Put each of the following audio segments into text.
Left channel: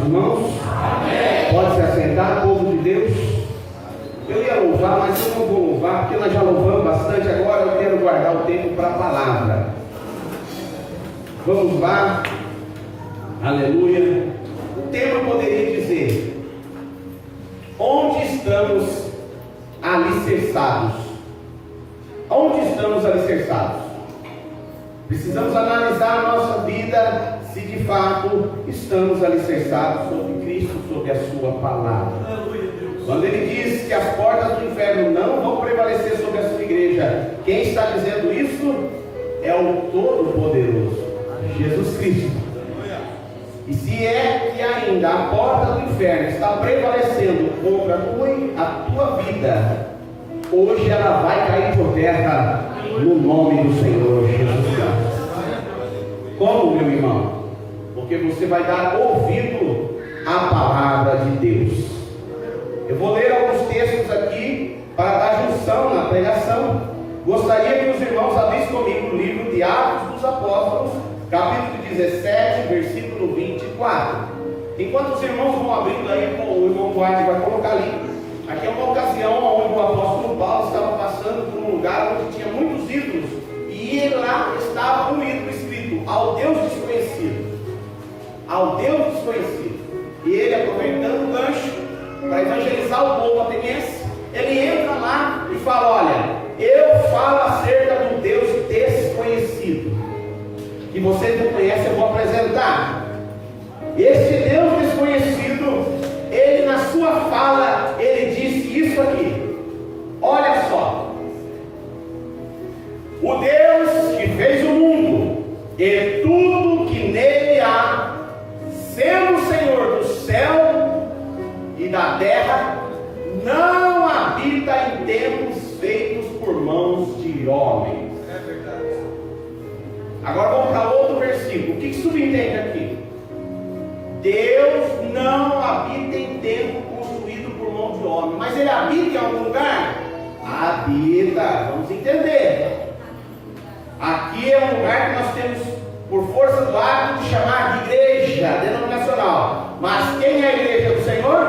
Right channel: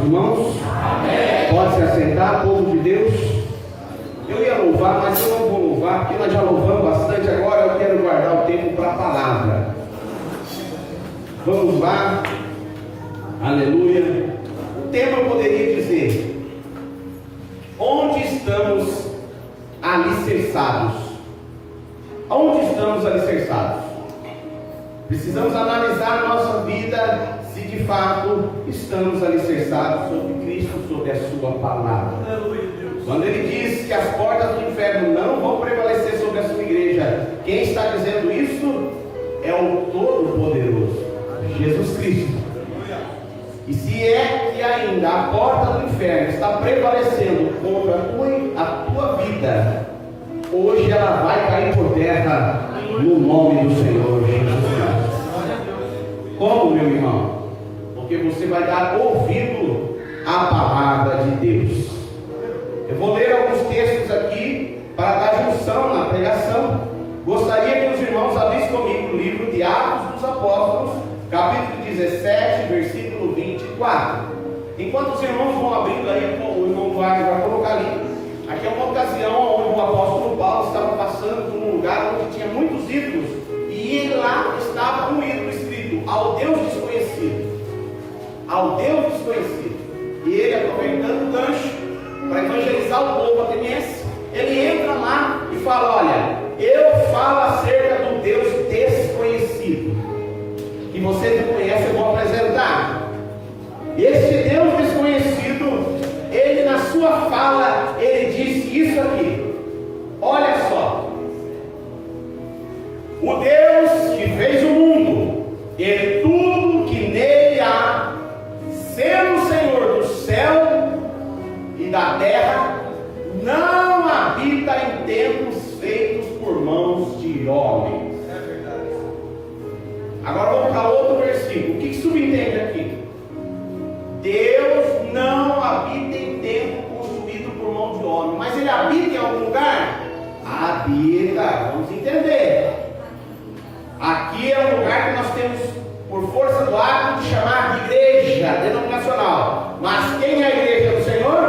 dos irmãos? Amém. Pode se assentar, povo de Deus. Eu ia louvar, mas eu não vou louvar, porque nós já louvamos bastante. Agora eu quero guardar o tempo para a palavra. Vamos lá. Aleluia. O tema eu poderia dizer: onde estamos alicerçados? Onde estamos alicerçados? Precisamos analisar a nossa vida, se de fato estamos alicerçados sobre Cristo, sobre a sua palavra. Quando ele diz que as portas do inferno não vão prevalecer sobre a sua igreja, quem está dizendo isso é o Todo-Poderoso, Jesus Cristo. E se é que ainda a porta do inferno está prevalecendo contra a tua vida, hoje ela vai cair por terra no nome do Senhor Jesus Cristo. Como, meu irmão? Porque você vai dar ouvido à palavra de Deus. Eu vou ler alguns textos aqui para dar junção na pregação. Gostaria que os irmãos abrissem comigo o livro de Atos dos Apóstolos, capítulo 17, versículo 24. Enquanto os irmãos vão abrindo aí, o irmão Duarte vai colocar ali. Aqui é uma ocasião onde o apóstolo Paulo estava passando por um lugar onde tinha muitos ídolos, e lá estava um ídolo escrito: ao Deus desconhecido. Ao Deus desconhecido. E ele, aproveitando o gancho para evangelizar o povo ateniense, ele entra lá e fala: olha, eu falo acerca do Deus desconhecido, que vocês não conhecem, eu vou apresentar. Este Deus desconhecido, ele na sua fala, ele diz isso aqui: olha só, o Deus que fez o mundo e tudo que nele há, sendo o Senhor do céu e da terra, não habita em templos feitos por mãos de homens. Agora vamos para outro versículo. O que subentende aqui? Deus não habita em templo construído por mão de homem, mas ele habita em algum lugar? Habita, vamos entender. Aqui é um lugar que nós temos, por força do hábito, de chamar de igreja denominacional. Mas quem é a igreja do Senhor?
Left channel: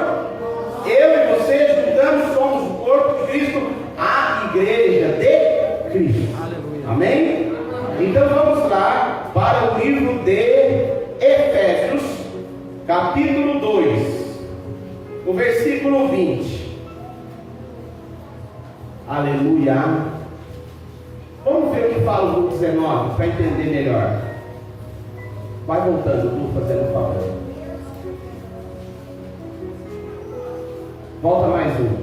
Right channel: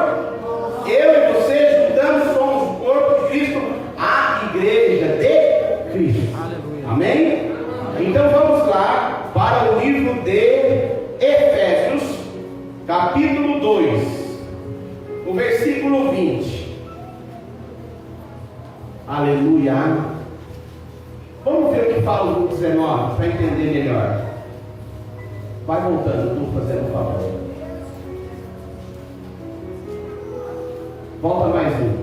Eu e você juntamos, somos o corpo de Cristo, a igreja de Cristo. Aleluia. Amém? Então vamos lá para o livro de Efésios, capítulo 2, o versículo 20. Aleluia. Vamos ver o que fala o 19 para entender melhor. Vai voltando, tu fazendo um favor. Volta mais um.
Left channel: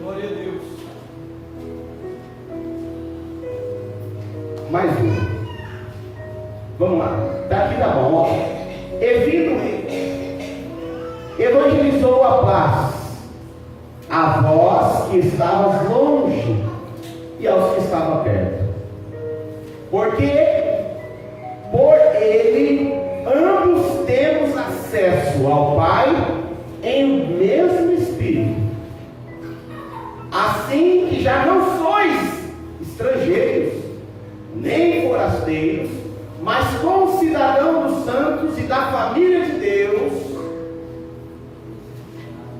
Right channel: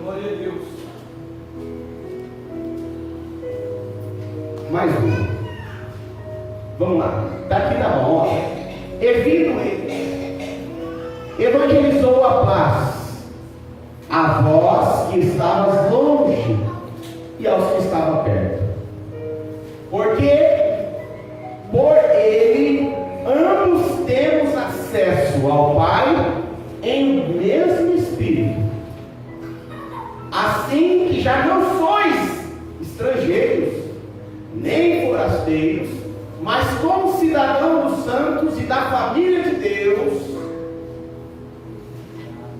Glória a Deus. Mais um. Vamos lá. Daqui tá bom, ó. E vindo ele, evangelizou a paz a vós que estavas longe e aos que estavam perto, porque por ele ambos temos acesso ao Pai em um mesmo Espírito. Assim que já não sois estrangeiros nem forasteiros, mas como cidadãos dos santos e da família de Deus,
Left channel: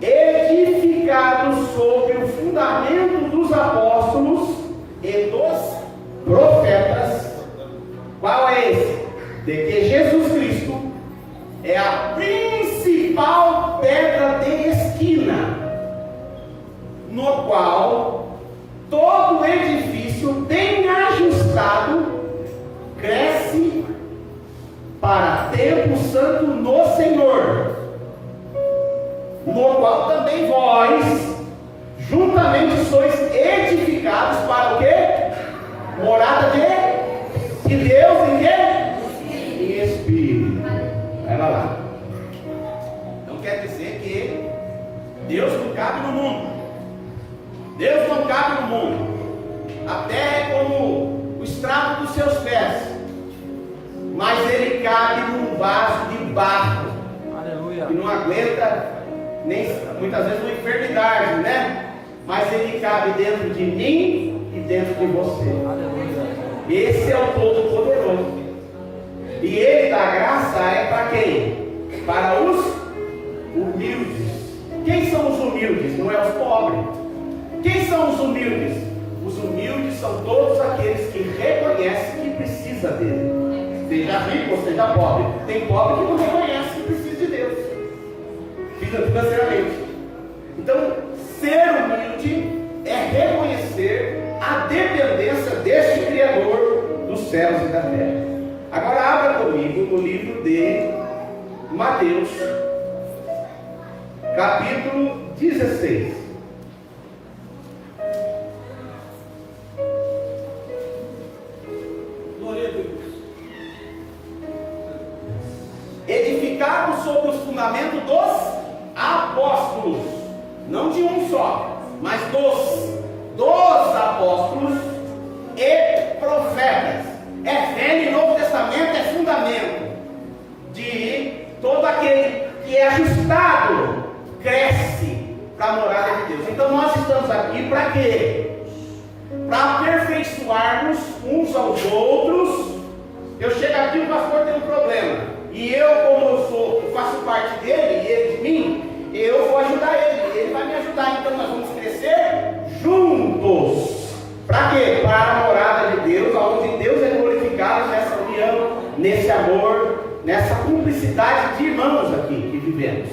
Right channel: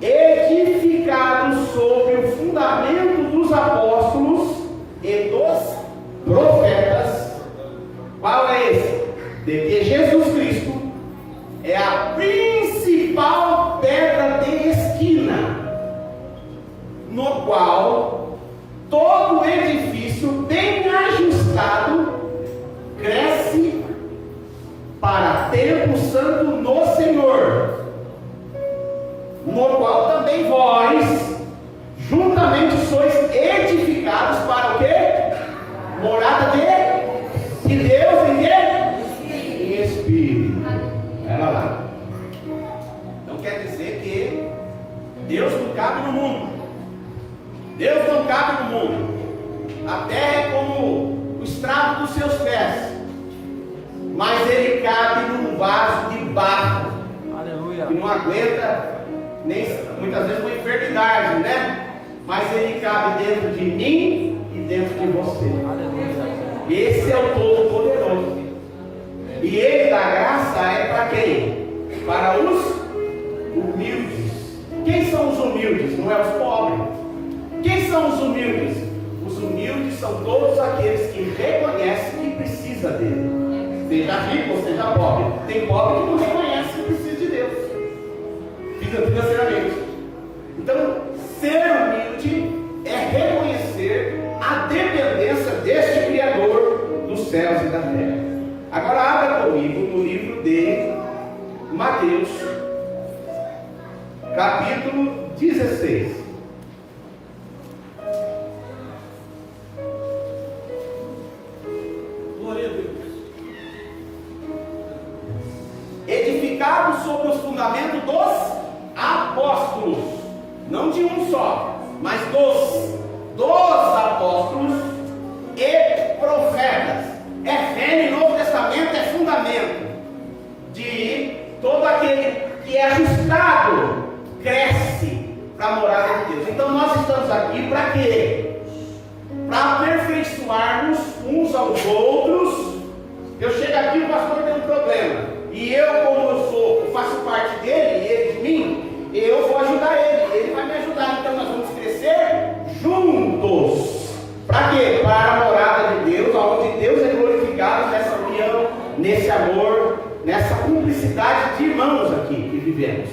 edificados sobre o fundamento dos apóstolos e dos profetas. Qual é esse? De que Jesus Cristo é a principal pedra de esquina, no qual todo edifício bem ajustado cresce para templo santo no Senhor, no qual também vós juntamente sois edificados para o quê? Morada de Deus em quê? Em Espírito. Era lá. Não quer dizer que Deus não cabe no mundo. Deus não cabe no mundo. A terra é como o estrado dos seus pés, mas ele cabe num vaso de barro. Aleluia. Que não aguenta nem muitas vezes uma enfermidade, né? Mas ele cabe dentro de mim e dentro de você. Aleluia. Esse é o Todo-Poderoso. E ele da graça é para quem? para os humildes. Quem são os humildes? Não é os pobres. Quem são os humildes? Os humildes são todos aqueles que reconhecem que precisa dele. Seja rico ou seja pobre. Tem pobre que não reconhece que precisa de Deus financeiramente. Então, ser humilde é reconhecer a dependência deste Criador dos céus e da terra. Agora abra comigo no livro de Mateus, capítulo 16. Glória a Deus. Edificado sobre os fundamentos dos apóstolos, não de um só, mas dos apóstolos e profetas. É fé no Novo Testamento, é fundamento de todo aquele que é ajustado, cresce para a morada de Deus. Então nós estamos aqui para quê? Para aperfeiçoarmos uns aos outros. Eu chego aqui e o pastor tem um problema, e eu, como eu faço parte dele, e ele de mim, eu vou ajudar ele vai me ajudar. Então nós vamos crescer juntos. Para quê? Para a morada de Deus, onde Deus é glorificado nessa união, nesse amor, nessa cumplicidade de irmãos aqui que vivemos.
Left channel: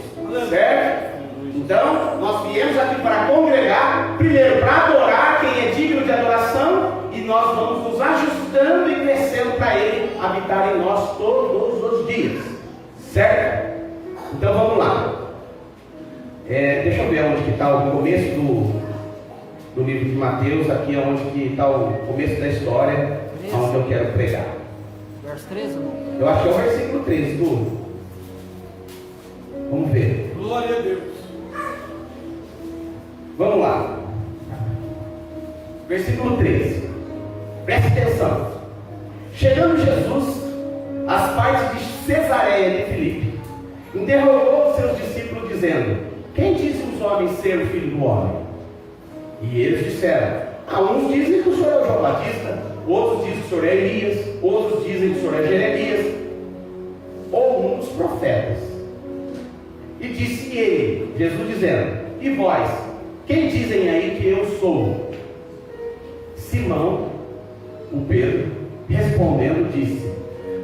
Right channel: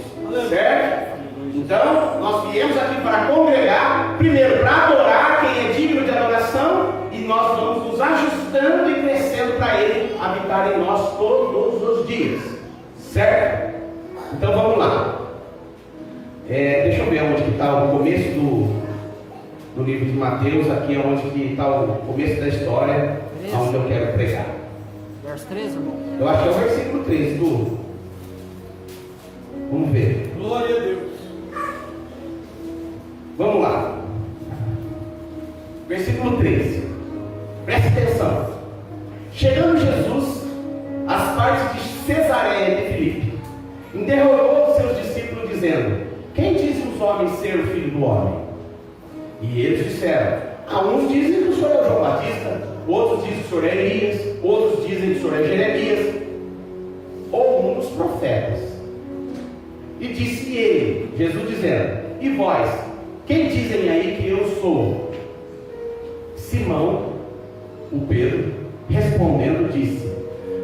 Certo? Então, nós viemos aqui para congregar, primeiro para adorar quem é digno de adoração, e nós vamos nos ajustando e crescendo para Ele habitar em nós todos os dias. Certo? Então vamos lá. Deixa eu ver onde que está o começo do livro de Mateus. Aqui é onde que está o começo da história, onde eu quero pregar. Verso 13, irmão. Eu acho que é o versículo 13, tu. Vamos ver. Glória a Deus. Vamos lá. Versículo 13. Preste atenção. Chegando Jesus às partes de Cesareia de Filipe, interrogou os seus discípulos, dizendo: quem dizem os homens ser o filho do homem? E eles disseram: uns dizem que o Senhor é o João Batista, outros dizem que o Senhor é Elias, outros dizem que o Senhor é Jeremias, ou um dos profetas. E disse ele, Jesus dizendo: e vós, quem dizem aí que eu sou? Simão, o Pedro, respondendo, disse:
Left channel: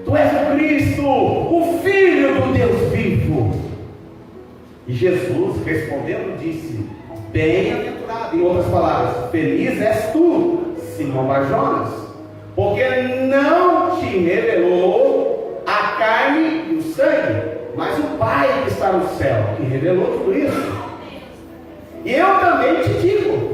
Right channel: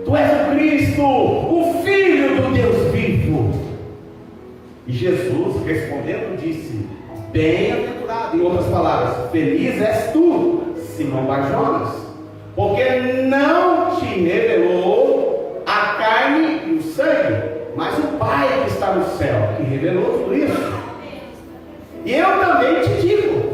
tu és o Cristo, o Filho do Deus vivo. E Jesus, respondendo, disse: bem-aventurado, em outras palavras, feliz és tu, Simão Barjonas, porque não te revelou a carne e o sangue, mas o Pai que está no céu, que revelou tudo isso. E eu também te digo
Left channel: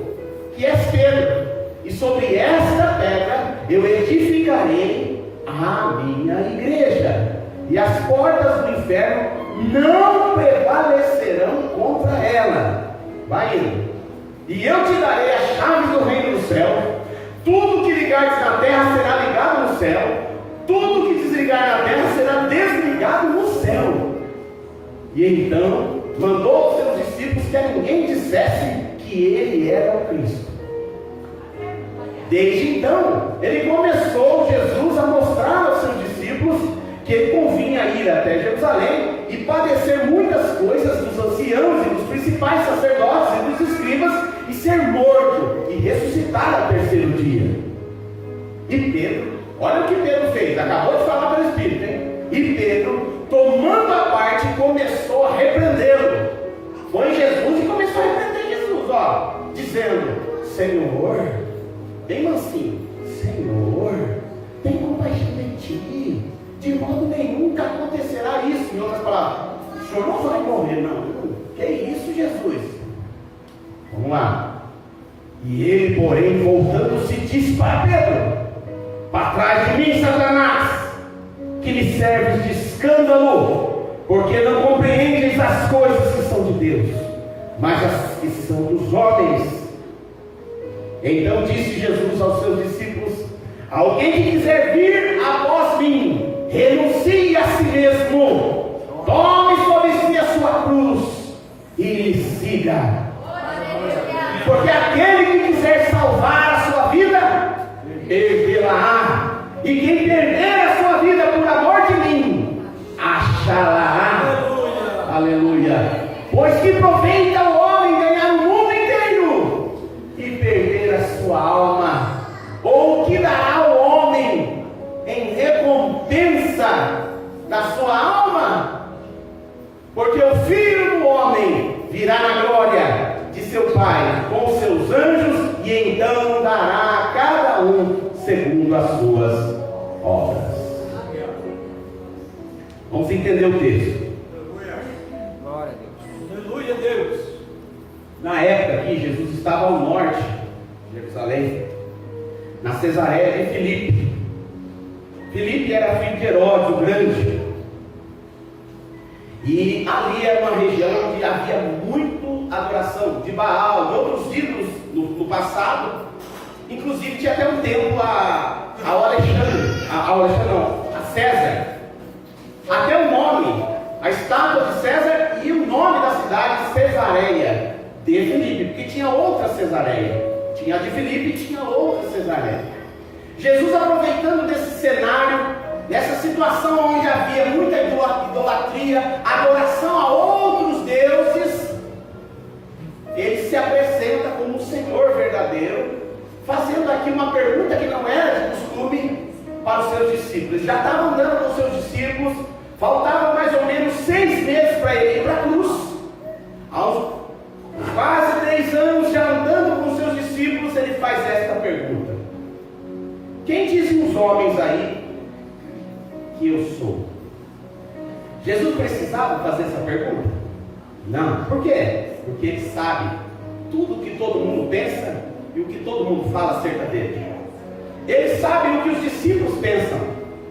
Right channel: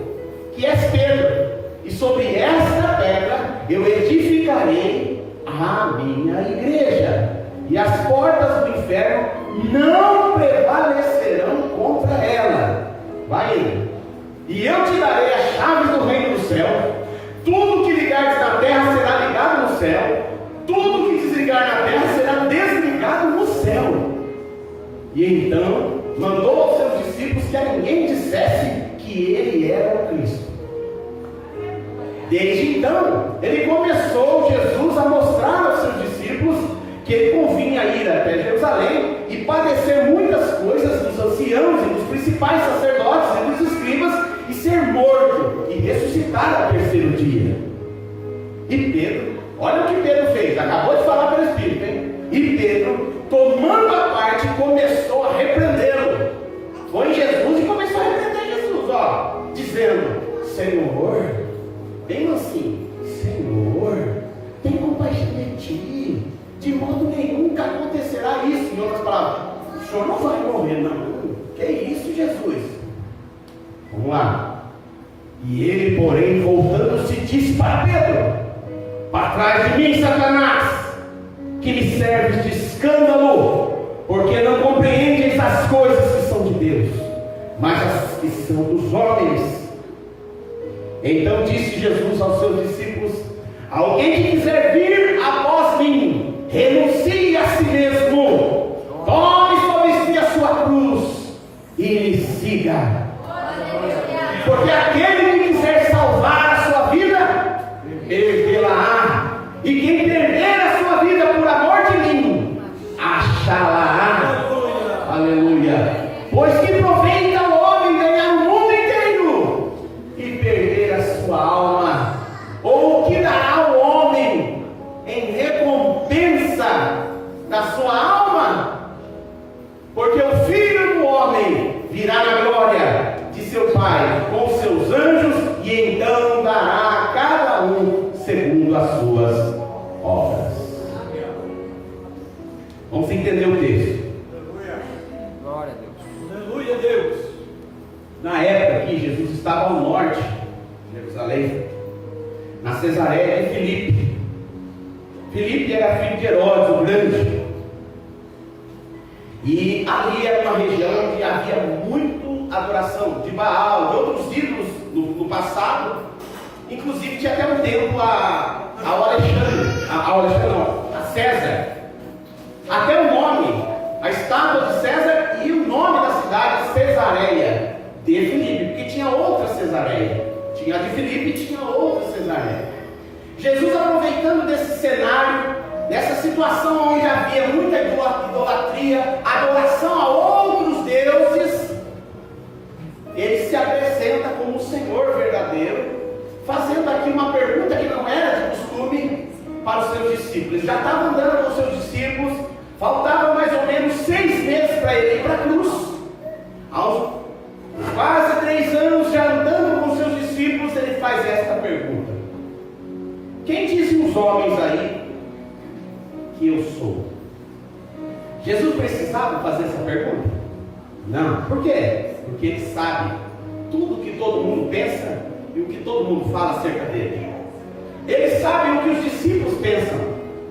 que és Pedro, e sobre esta pedra eu edificarei a minha igreja, e as portas do inferno não prevalecerão contra ela. Vai indo. E eu te darei as chaves do reino do céu. Tudo que ligares na terra será ligado no céu, tudo que desligar na terra será desligado no céu. E então mandou aos seus discípulos que a ninguém dissesse que ele era o Cristo. Desde então, ele começou, Jesus, a mostrar aos seus discípulos que ele convinha ir até Jerusalém e padecer muitas coisas dos anciãos e dos principais sacerdotes e dos escribas, e ser morto e ressuscitar ao terceiro dia. E Pedro, olha o que Pedro fez, acabou de falar pelo Espírito, hein? E Pedro, tomando a parte, começou a repreendê-lo. Foi Jesus e começou a repreender Jesus, dizendo: Senhor, bem mansinho, Senhor, tem compaixão de ti, de modo nenhum que acontecerá isso. Em outras palavras, o Senhor não vai morrer, não. Que isso, Jesus? Vamos lá. E ele, porém, voltando-se, disse para Pedro: para trás de mim, Satanás, que me serves de escândalo, porque não compreendes as coisas que são de Deus, mas as que são dos homens. Então disse Jesus aos seus discípulos: alguém que quiser vir após mim, renuncie a si mesmo, tome sobre si a sua cruz e me siga. Porque aquele que quiser salvar a sua vida, perdê-la-á, e quem perder a sua vida por amor de mim, achá-la-á. Pois que proveita o homem ganhar o mundo inteiro e perder a sua alma? Ou o que dará o homem em recompensa da sua alma? Porque o Filho do Homem virá na glória de seu Pai com seus anjos, e então dará a cada um segundo as suas obras. Vamos entender o texto. Glória a Deus. Aleluia, Deus. Na época que Jesus estava ao norte de Jerusalém, na Cesareia de Filipe. Filipe era filho de Herodes, o Grande. E ali era uma região onde havia muito adoração de Baal, de outros ídolos no passado. Inclusive tinha até um templo a César. Até o nome, a estátua de César e o nome da cidade, Cesareia de Filipe, porque tinha outra Cesareia. Tinha a de Filipe e tinha outra Cesareia. Jesus, aproveitando desse cenário, dessa situação onde havia muita idolatria, adoração a outros deuses, ele se apresenta como o Senhor verdadeiro, fazendo aqui uma pergunta que não era de costume para os seus discípulos. Ele já estava andando com os seus discípulos, faltavam mais ou menos 6 meses para ele ir para a cruz. Há uns quase 3 anos já andando com os seus discípulos, ele faz esta pergunta: quem dizem os homens aí que eu sou? Jesus precisava fazer essa pergunta? Não. Por quê? Porque ele sabe tudo o que todo mundo pensa e o que todo mundo fala acerca dele. Ele sabe o que os discípulos pensam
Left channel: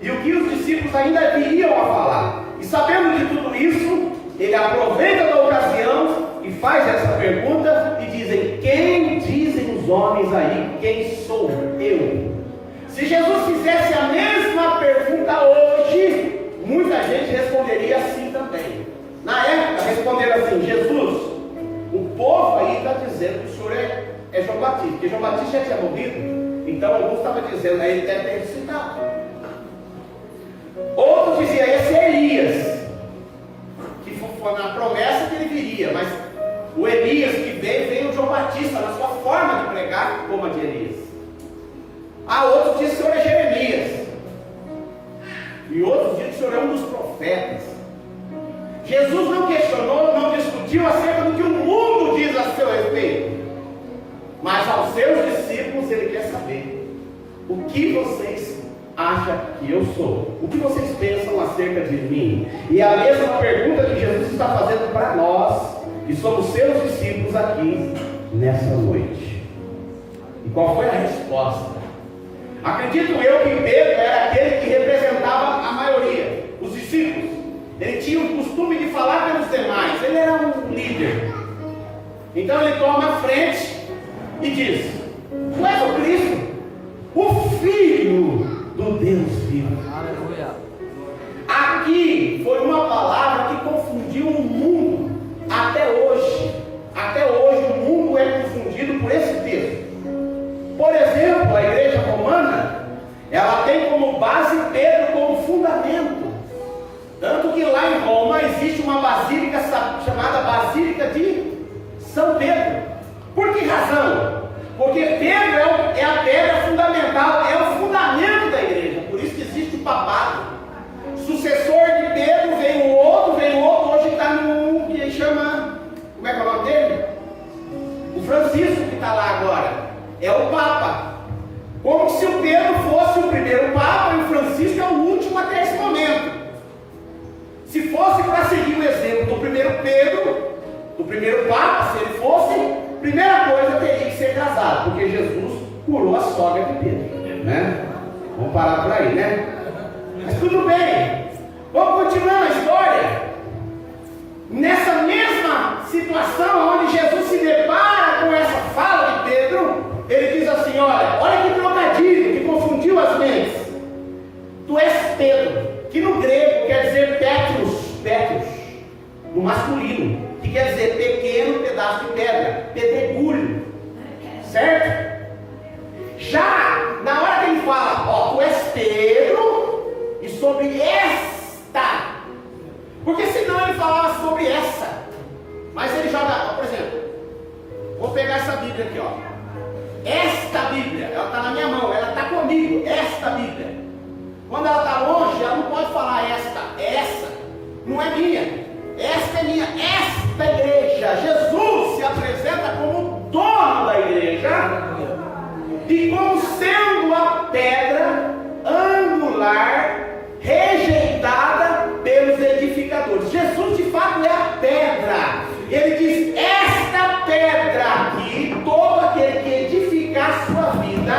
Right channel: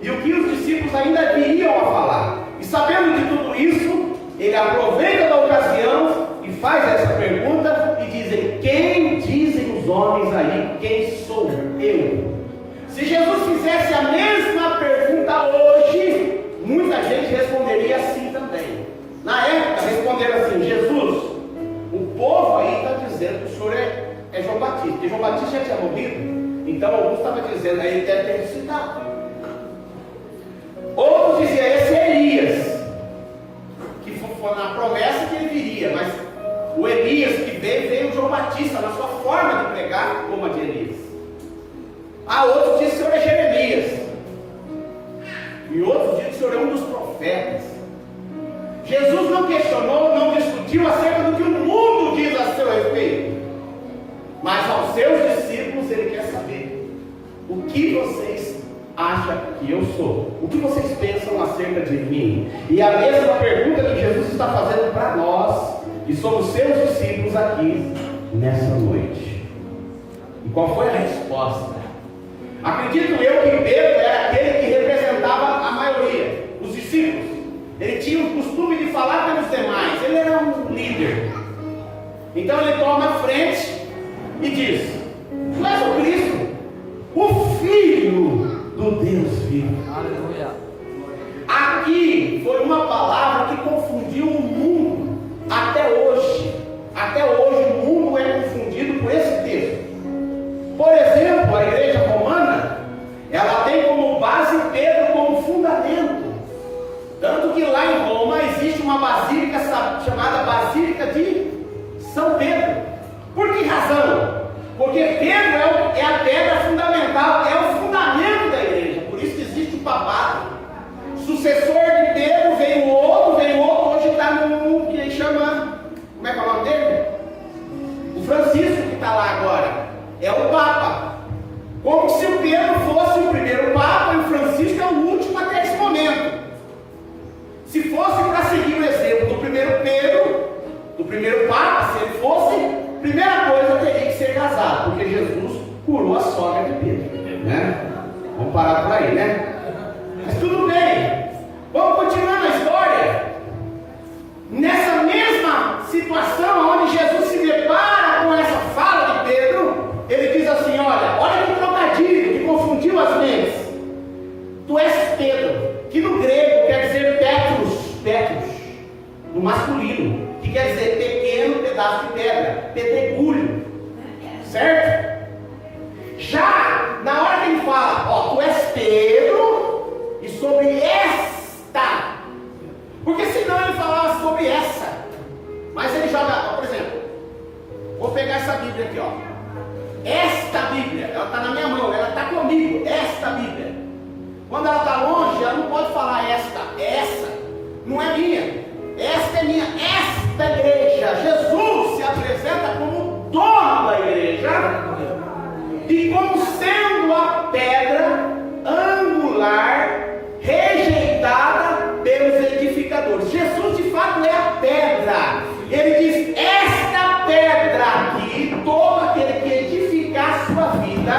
e o que os discípulos ainda viriam a falar. E sabendo de tudo isso, ele aproveita da ocasião e faz essa pergunta, e dizem: quem dizem os homens aí quem sou eu? Se Jesus fizesse a mesma pergunta hoje, muita gente responderia assim também. Na época responderam assim: Jesus, o povo aí está dizendo que o senhor é João Batista, porque João Batista já tinha morrido. Então alguns estavam dizendo, aí ele deve ter ressuscitado. Outros diziam, esse é Elias, que foi na promessa que ele viria, mas o Elias que veio João Batista, na sua forma de pregar, como a de Elias. Há outros dizem que o senhor é Jeremias, e outros dizem que o senhor é um dos profetas. Jesus não questionou, não discutiu acerca do que o mundo diz a seu respeito, mas aos seus discípulos ele quer saber: o que vocês acham que eu sou? O que vocês pensam acerca de mim? E a mesma pergunta que Jesus está fazendo para nós, que somos seus discípulos aqui nessa noite. E qual foi a resposta? Acredito eu que Pedro era aquele que representava a maioria, os discípulos. Ele tinha o costume de falar pelos demais, ele era um líder. Então ele toma a frente e diz: tu és o Cristo, o Filho do Deus vivo. Aleluia. Aqui foi uma palavra que confundiu o mundo até hoje. Até hoje o mundo é confundido por esse texto. Por exemplo, a igreja romana, ela tem como base Pedro como fundamento. Tanto que lá em Roma existe uma basílica chamada Basílica de São Pedro. Por que razão? Porque Pedro é a pedra fundamental, é o fundamento da igreja. Por isso que existe o papado. Sucessor de Pedro, veio outro, hoje está no que chama, como é que é o nome dele? O Francisco, que está lá agora, é o Papa. Como se o Pedro fosse o primeiro Papa e o Francisco é o último até esse momento. Se fosse para seguir o exemplo do primeiro Pedro, do primeiro Papa, se ele fosse, primeira coisa teria que ser casado, porque Jesus curou a sogra de Pedro, né? Vamos parar por aí, né? Mas tudo bem, vamos continuar a história. Nessa mesma situação, onde Jesus se depara com essa fala de Pedro, ele diz assim: olha que trocadilho que confundiu as mentes. Tu és Pedro, que no grego quer dizer Petros, no masculino, que quer dizer pequeno pedaço de pedra, pedregulho, certo? Já na hora que ele fala, tu és Pedro, e sobre esta, porque senão ele falava sobre essa, Mas ele joga, por exemplo, vou pegar essa Bíblia aqui, ó. Esta Bíblia, ela está na minha mão, ela está comigo, esta Bíblia. Quando ela está longe, ela não pode falar esta, essa, não é minha, esta é minha, esta igreja. Jesus se apresenta como dono da igreja e como sendo a pedra angular rejeitada pelos edificadores. Jesus de fato é a pedra. Ele diz: esta pedra aqui, todo aquele que edificar a sua vida,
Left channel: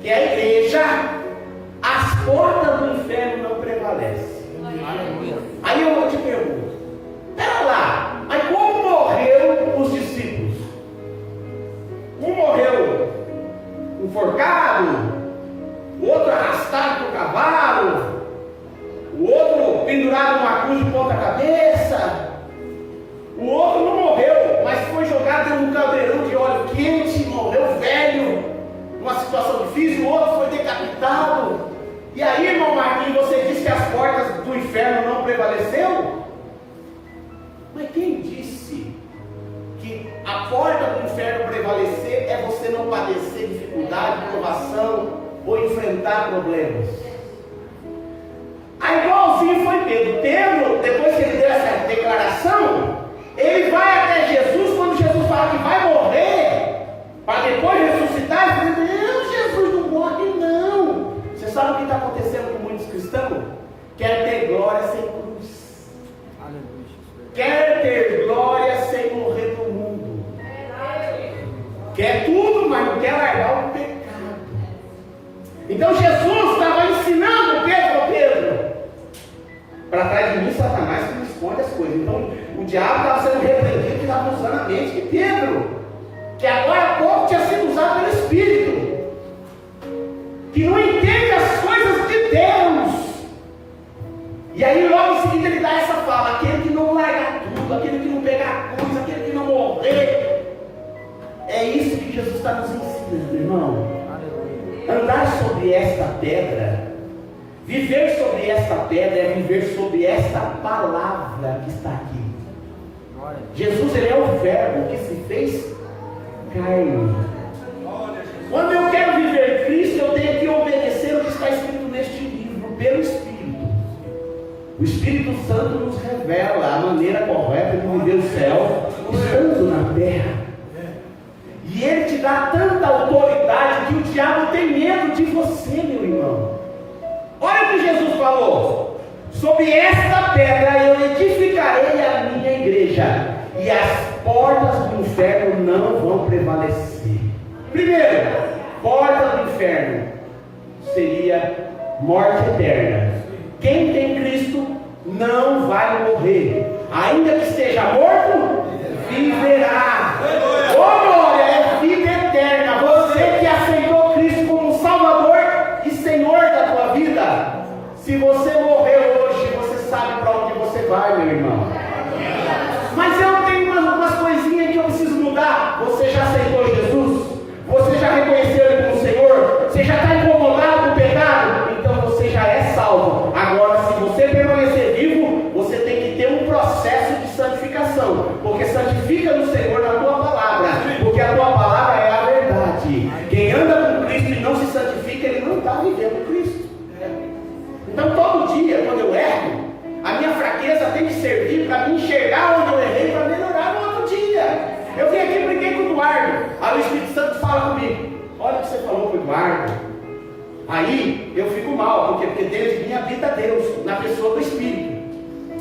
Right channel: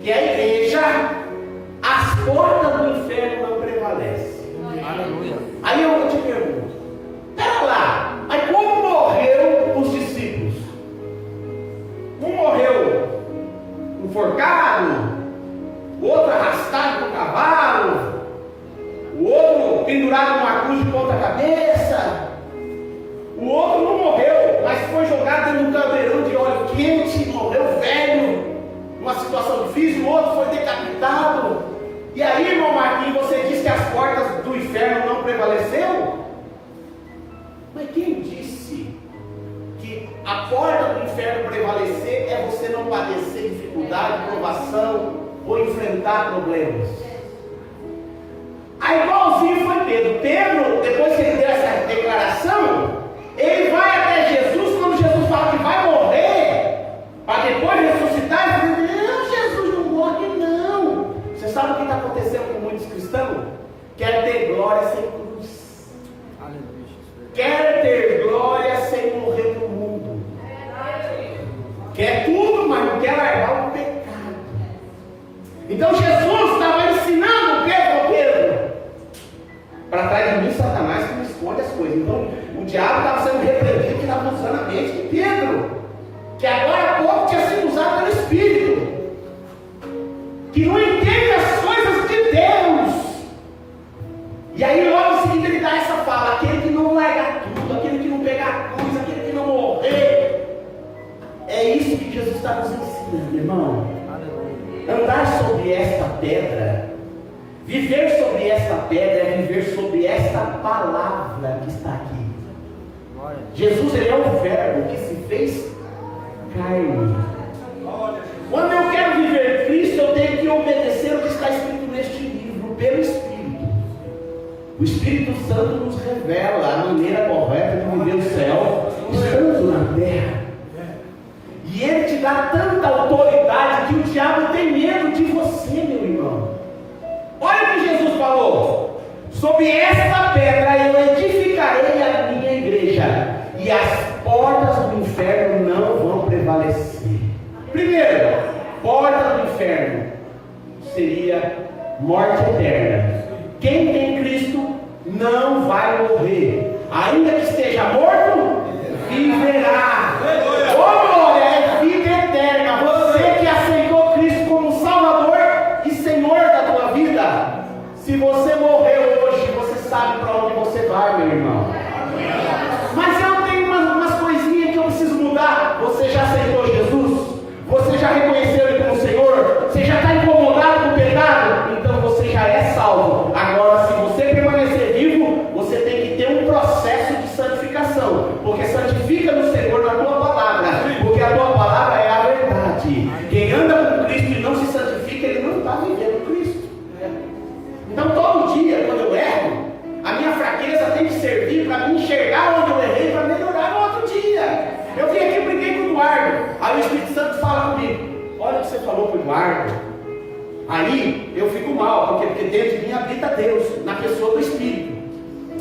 que é a igreja, as portas do inferno não prevalecem. Aleluia. Aí eu te pergunto, pera lá, mas como morreu os discípulos? Um morreu enforcado, o outro arrastado por cavalo, o outro pendurado numa cruz de ponta cabeça, o outro não morreu, mas foi jogado num caldeirão de óleo quente, morreu velho, numa situação difícil. O outro foi decapitado. E aí, irmão Marquinhos, você disse que as portas do inferno não prevaleceram? Mas quem disse que a porta do inferno prevalecer é você não padecer dificuldade, provação ou enfrentar problemas? Aí igualzinho foi Pedro. Pedro, depois que ele deu essa declaração, ele vai até Jesus. Quando Jesus fala que vai morrer, para depois ressuscitar, ele diz: não, Jesus não morre não. Você sabe o que está acontecendo com muitos cristãos? Quer ter glória sem cruz. Aleluia. Quer ter glória sem morrer no mundo. Quer tudo, mas não quer largar o pecado. Então Jesus estava ensinando Pedro: para trás de mim, Satanás, que me esconde as coisas. Então o diabo estava sendo repreendido, que estava usando a mente de Pedro, que agora há pouco tinha sido usado pelo Espírito, que não entende as coisas de Deus. E aí logo em seguida ele dá essa fala: aquele que não larga tudo, aquele que não pega a cruz, aquele que não morrer. É isso que Jesus está nos ensinando, irmão. Andar sobre esta pedra, viver sobre esta pedra, é viver sobre esta palavra que está aqui. Jesus, ele é o verbo que se fez carne. Quando eu quero viver Cristo, eu tenho que obedecer o que está escrito neste livro, pelo Espírito. O Espírito Santo nos revela a maneira correta de viver o céu, estando na terra. E ele te dá tanta autoridade que o diabo tem medo de você, meu irmão. Olha o que Jesus falou: sobre esta pedra eu edificarei a minha igreja, e as portas do inferno não vão prevalecer. Primeiro, porta do inferno seria morte eterna. Quem tem Cristo não vai morrer, ainda que esteja morto, viverá. Oh glória, é vida eterna. Você que aceitou Cristo como Salvador e Senhor da tua vida, se você morrer hoje, você sabe para onde você vai, meu irmão. Mas eu tenho umas coisinhas que eu preciso mudar. Você já aceitou Jesus? Você já reconheceu Ele como Senhor? Você já está incomodado com o pecado? Então você já é salvo. Agora, se você permanecer vivo, você tem que ter um processo de santificação, porque santifica no Senhor na tua palavra, porque a tua palavra é a verdade. Quem anda com Cristo e não se santifica, ele não está vivendo Cristo. Então todo dia, quando eu erro, a minha fraqueza tem que servir para me enxergar onde eu errei, para melhorar no outro dia. Eu vim aqui e briguei com o Eduardo. Aí o Espírito Santo fala comigo: olha o que você falou para o Eduardo. Aí eu fico mal, porque dentro de mim habita Deus, na pessoa do Espírito.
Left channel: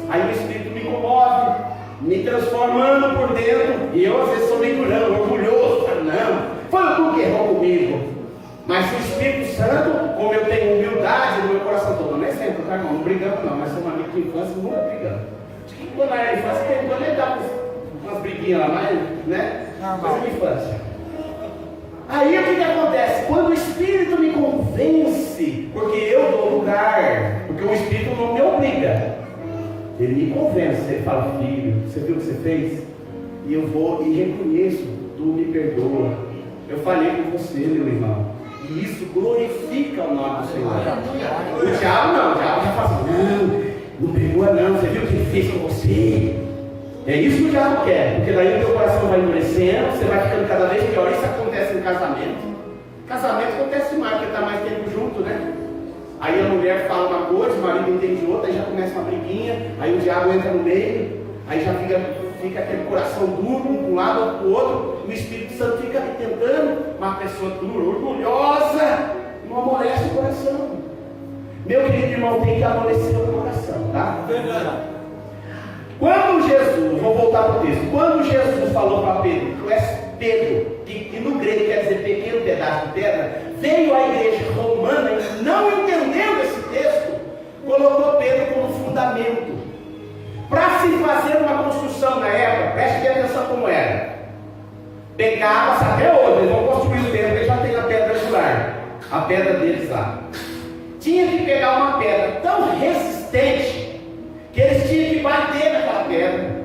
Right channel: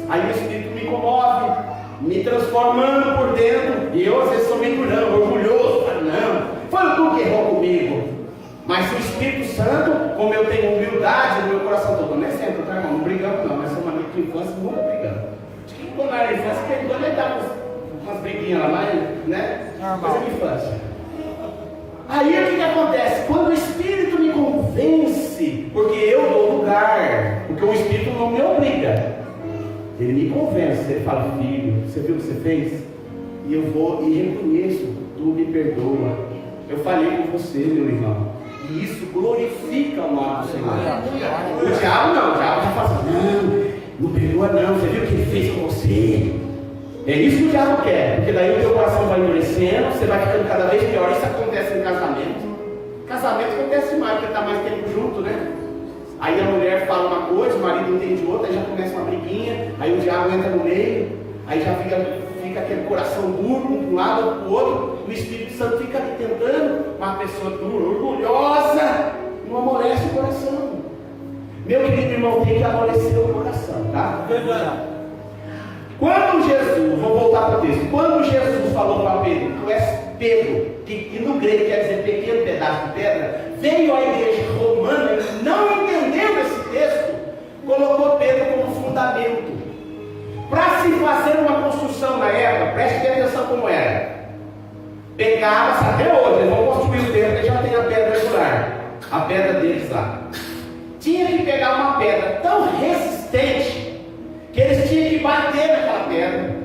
Aí o Espírito me comove, me transformando por dentro. E eu às vezes sou meio durão, orgulhoso. Não, foi tu que errou comigo. Mas o Espírito Santo, como eu tenho humildade no meu coração todo, não é sempre, tá, irmão? Não brigamos não, nós somos amigos de infância, não vamos brigando. Quando era infância, quando ele dava umas briguinhas lá, né? Coisa de infância. Aí o que acontece? Quando o Espírito me convence, porque eu dou lugar, porque o Espírito não me obriga, ele me convence, ele fala: filho, você viu o que você fez? E eu vou e reconheço, tu me perdoa. Eu falei com você, meu irmão. E isso glorifica o nome do Senhor. O diabo não, o diabo já fala assim: não perdoa não, você viu o que ele fez com você? É isso que o diabo quer, porque daí o teu coração vai endurecendo, você vai ficando cada vez pior. Isso acontece em casamento. Casamento acontece mais, porque está mais tempo junto, né? Aí a mulher fala uma coisa, o marido entende outra, aí já começa uma briguinha, aí o diabo entra no meio, aí já fica aquele coração duro, de um lado ou do outro, o Espírito Santo fica ali tentando, uma pessoa dura, orgulhosa, não amolece o coração. Meu querido irmão, tem que amolecer o coração, tá? Verdade. Quando Jesus, vou voltar para o texto, quando Jesus falou para Pedro, tu és Pedro, que no grego quer dizer pequeno pedaço de pedra, veio à igreja romana e não entendendo esse texto, colocou Pedro como fundamento. Para se fazer uma construção na época, preste atenção como era. Pegava, até hoje, eles vão construir o templo, eles já tem a pedra regular, a pedra deles lá. Tinha que pegar uma pedra tão resistente que eles tinham que bater naquela pedra,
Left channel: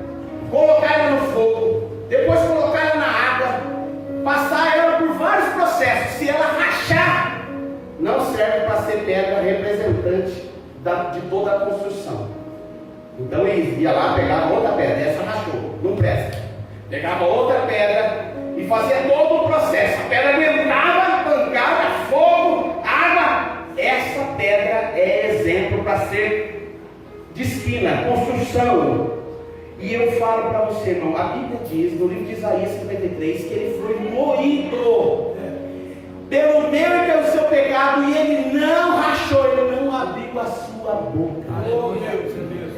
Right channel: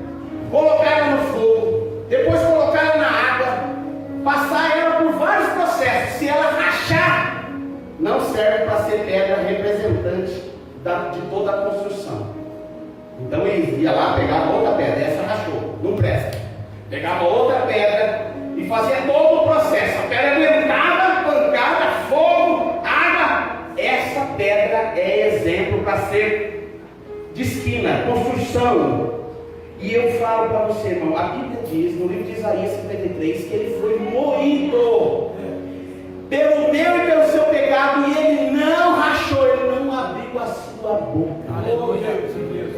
colocar ela no fogo, depois colocar ela na água, passar ela por vários processos. Se ela rachar, não serve para ser pedra representante de toda a construção. Então eles iam lá, pegavam outra pedra, essa rachou, não presta. Pegava outra pedra e fazia todo o processo. A pedra aguentava, pancada, fogo, água. Essa pedra é exemplo para ser de esquina, construção. E eu falo para você, irmão, a Bíblia diz, no livro de Isaías 53, que ele foi moído pelo meu e pelo seu pecado, e ele não rachou, ele não abriu a sua boca. Aleluia.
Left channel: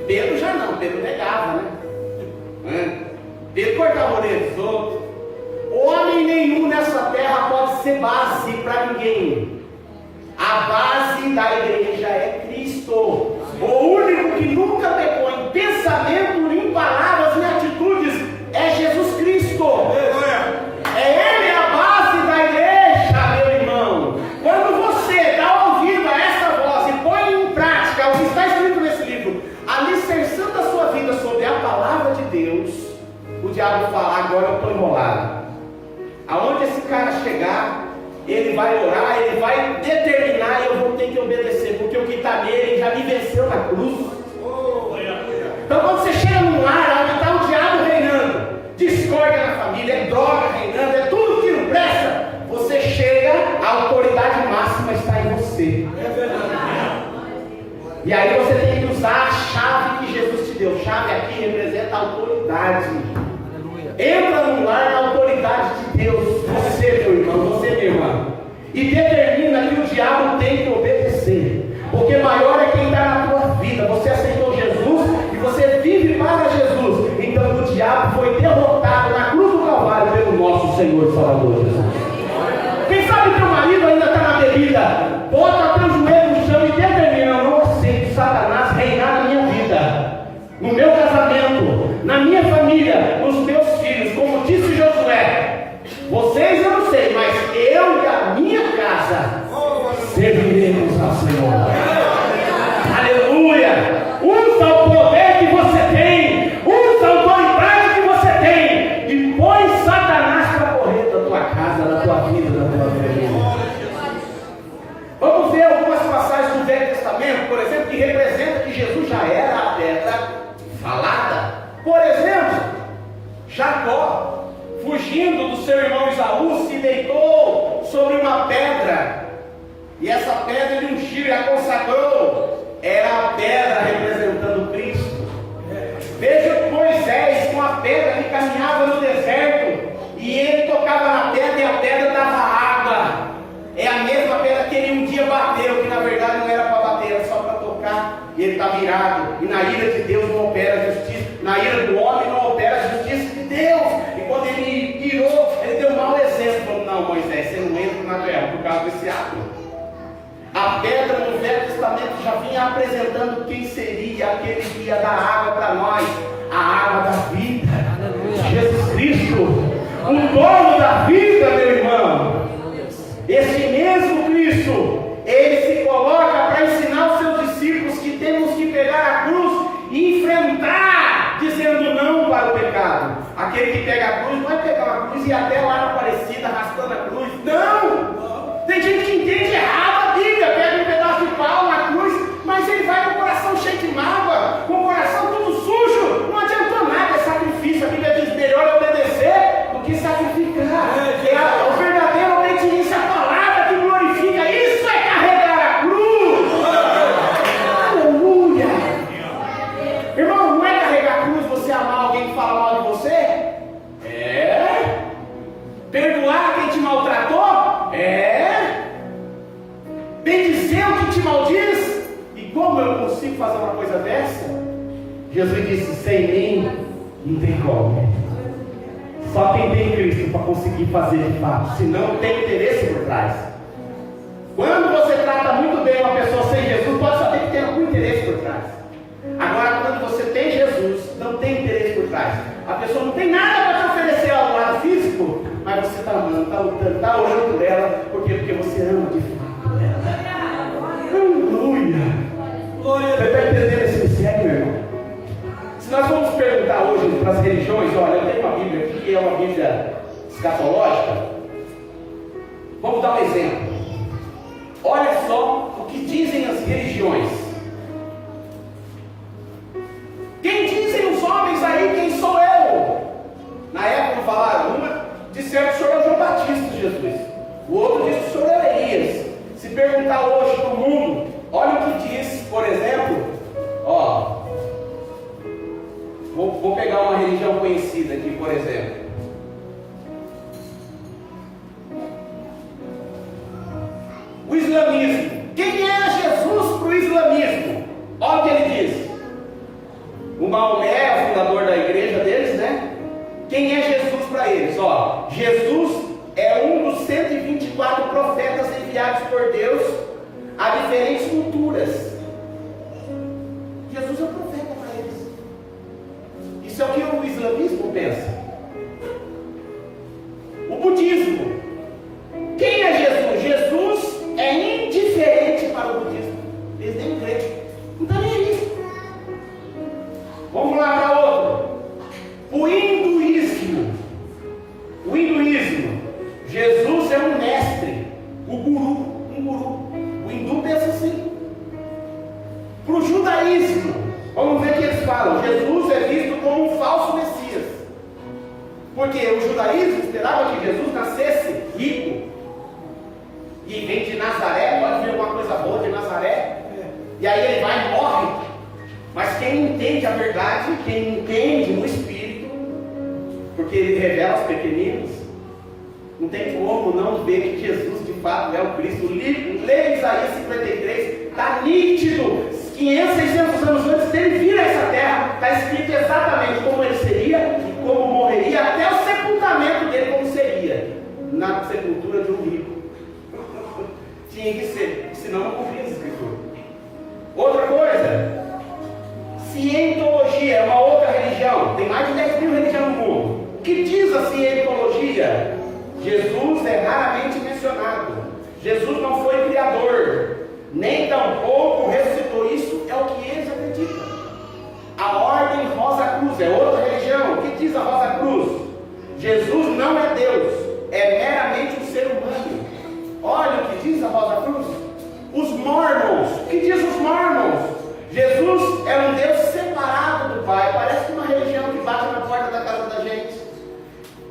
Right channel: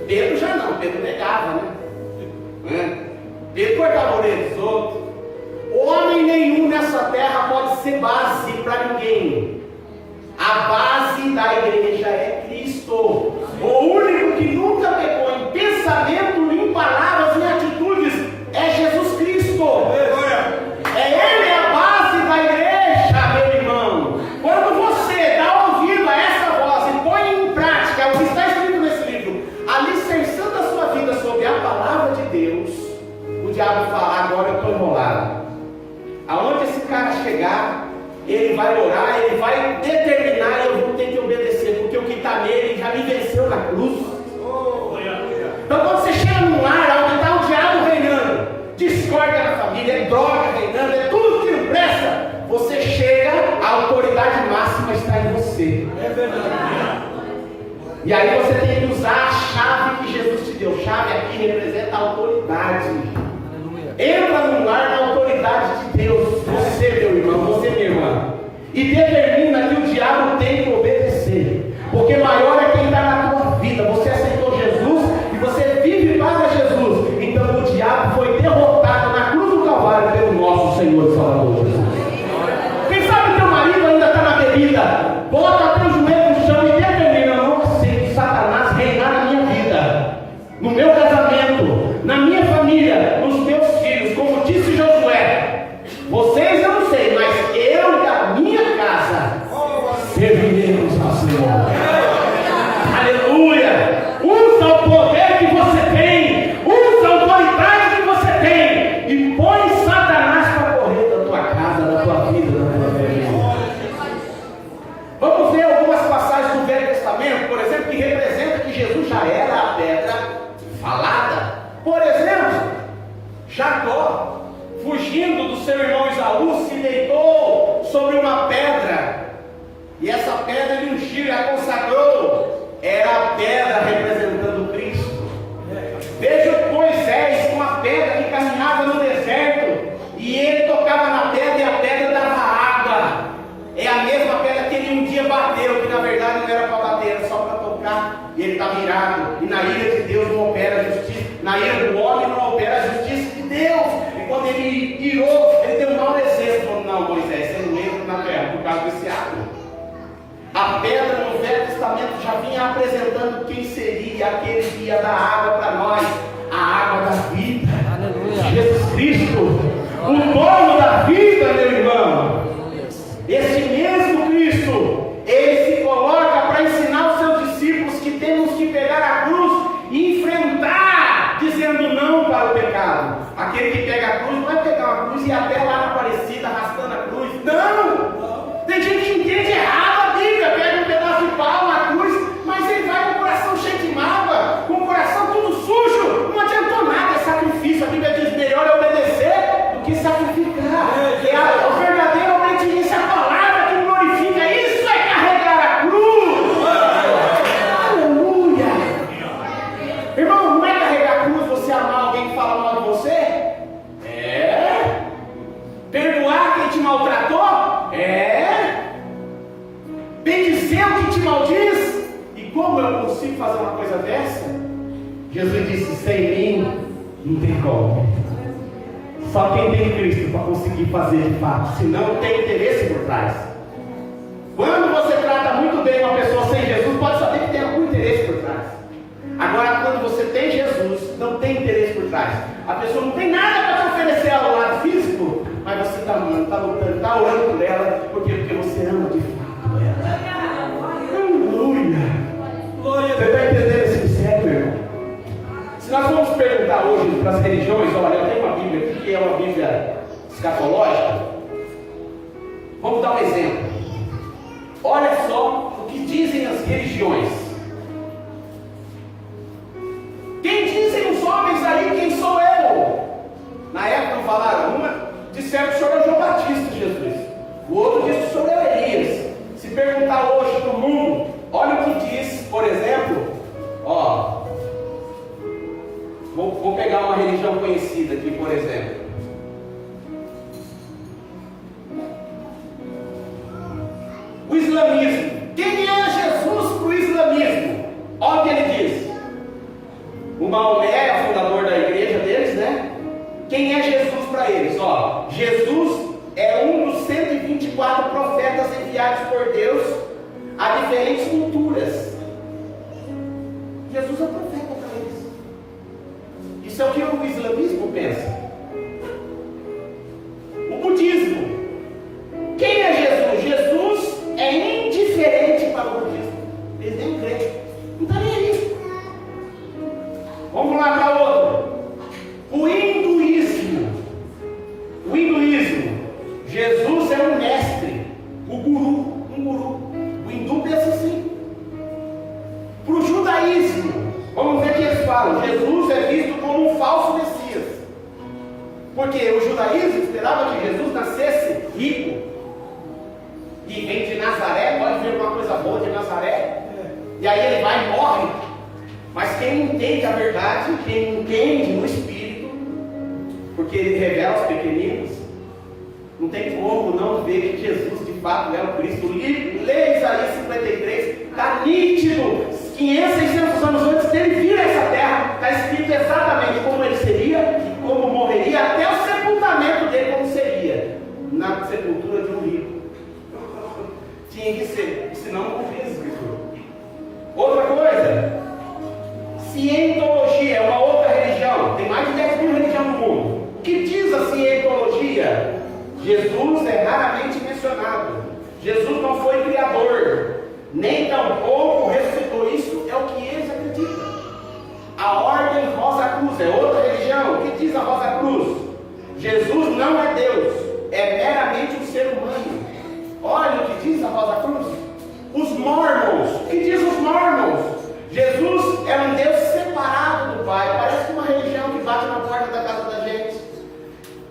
Pedro já não, Pedro negava, né? Pedro cortava a orelha dos outros. Homem nenhum nessa terra pode ser base para ninguém. A base da igreja é Cristo. O único que nunca pecou em pensamento, em palavras, em atitudes é Jesus Cristo. É Ele a base da igreja, meu irmão. Quando você dá ouvido a essa voz e põe em prática o que está escrito nesse livro, alicerçando a sua vida sobre a palavra de Deus, o diabo fala: agora eu estou enrolado. Aonde esse cara chegar, ele vai orar, ele vai determinar, eu vou ter que obedecer, porque o que está nele já me venceu na cruz. Então quando você chega num lar onde está o diabo reinando, discórdia na família, é droga reinando, é tudo que não presta, você chega, a autoridade máxima está em você. É verdade. E aí você tem que usar a chave que Jesus te deu. Chave aqui representa a autoridade. Entra no lar na autoridade de Deus, você, meu irmão, você, minha irmã, e determina que o diabo tem que obedecer, porque maior é quem está na tua vida. Você aceitou Jesus e você vive para Jesus, então o diabo foi derrotado na cruz do Calvário pelo nosso Senhor e Salvador Jesus. Quem sabe teu marido ainda está na bebida, bota teu joelho no chão e determina: eu não aceito Satanás reinar na minha vida, no meu casamento, na minha família, nos meus filhos. Como disse Josué, vocês eu não sei, mas eu e a minha casa serviremos ao Senhor. Aleluia! Usa o poder que você tem, usa a autoridade que você tem e põe Satanás para correr da tua casa, da tua vida, da tua família. Vamos ver algumas passagens do Velho Testamento, por exemplo, que representa que Jesus já era a pedra falada. Por exemplo, Jacó, fugindo do seu irmão Esaú, se deitou sobre uma pedra, e essa pedra ele ungiu e a consagrou. Era a pedra representando Cristo. Veja Moisés com a pedra que caminhava no deserto, e ele tocava na pedra e a pedra dava água. É a mesma pedra que ele um dia bateu, que na verdade não era para bater, era só para tocar, e ele está virado. E na ira de Deus não opera a justiça, na ira do homem não opera a justiça de Deus. E quando ele irou, ele deu um mau exemplo. Falou: não, Moisés, você não entra na terra por causa desse ato. A pedra no Velho Testamento já vinha apresentando quem seria aquele que ia dar água para nós, a água da vida. Aleluia. Jesus Cristo, o dono da vida, meu irmão. Esse mesmo Cristo, ele se coloca para ensinar os seus discípulos que temos que pegar a cruz e enfrentar, dizendo não para o pecado. Aquele que pega a cruz vai pegar a cruz e ir até lá na Aparecida arrastando a cruz. Não! Tem gente que entende errado a Bíblia, pega um pedaço de pau na cruz, mas ele vai com o coração cheio de mágoa, com o coração todo sujo. Não adiantou nada, é sacrifício amar alguém que fala mal de você? Perdoar quem te maltratou? Bendizer o que te maldiz? E como eu consigo fazer uma coisa dessa? Jesus disse: sem mim não tem como. Só quem tem Cristo para conseguir fazer de fato, senão tem interesse por trás. Quando você trata muito bem uma pessoa sem Jesus, pode saber que tem algum interesse por trás. Agora, quando você tem Jesus, não tem interesse por trás. A pessoa não tem nada para te oferecer ao lado físico, mas você está amando, está lutando, está orando por ela. Por quê? Porque você ama de fato ela. Aleluia! Glória a Deus. Você está entendendo esse mistério, irmão? Se nós vamos perguntar hoje para as religiões, olha, eu tenho uma Bíblia aqui que é uma Bíblia escatológica. Vamos dar um exemplo. Olha só o que dizem as religiões. Quem dizem os homens aí, quem sou eu? Na época não falaram, uma disseram que o senhor é João Batista de Jesus, o outro disse que o senhor é Elias. Se perguntar hoje no mundo, olha o que diz, por exemplo, vou pegar uma religião conhecida aqui, por exemplo. O islamismo. Quem é Jesus para o islamismo? Olha o que ele diz. O Maomé é o fundador da igreja deles, né? Quem é Jesus para eles? Jesus é um dos 124 profetas enviados por Deus a diferentes culturas. Jesus é profeta para eles. Isso é o que o islamismo pensa. O budismo. Quem é Jesus? Jesus é indiferente para o budismo. Eles nem creem. Não está nem aí. Vamos lá para outro. O hinduísmo. Jesus é um mestre. Um guru. O hindu pensa assim. Para o judaísmo, vamos ver o que eles falam. Jesus é visto como um falso Messias. Porque o judaísmo esperava que Jesus nascesse rico. E vem de Nazaré, pode ver alguma coisa boa de Nazaré. E aí ele vai e morre. Mas quem entende a verdade, quem entende no Espírito, porque ele revela aos pequeninos, não tem como não ver que Jesus de fato é o Cristo. Lê Isaías 53, está nítido. 500, 600 anos antes dele vir a essa terra, está escrito exatamente como ele seria e como morreria, até o sepultamento dele como seria, na sepultura de um rico. Tinha que ser, senão não cumpria a escritura. Outra coisa, cientologia é uma outra religião. Tem mais de 10 mil religiões no mundo. O que diz a cientologia? Jesus é raramente mencionado. Jesus não foi criador, nem tampouco ressuscitou. Isso é o que eles acreditam. A ordem Rosa Cruz é outra religião. O que diz a Rosa Cruz? Jesus não é Deus, é meramente um ser humano. Olha o que diz a Rosa Cruz. Os Mormons. O que diz os Mormons? Jesus é um Deus separado do Pai. Parece uma religião que bate na porta da casa da gente.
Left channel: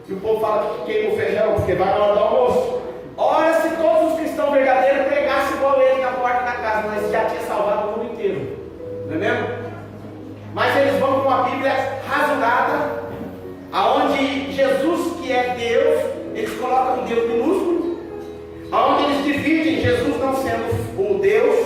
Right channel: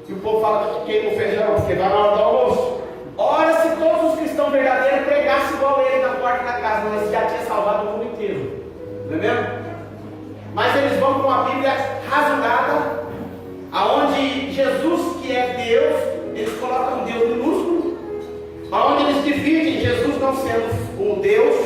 E o povo fala que queima o feijão, porque vai na hora do almoço. Olha, se todos os cristãos verdadeiros pregassem igual ele na porta da casa, mas já tinha salvado o mundo inteiro. Não é mesmo? Mas eles vão com a Bíblia rasurada, aonde Jesus, que é Deus, eles colocam Deus minúsculo, aonde eles dividem Jesus não sendo o Deus.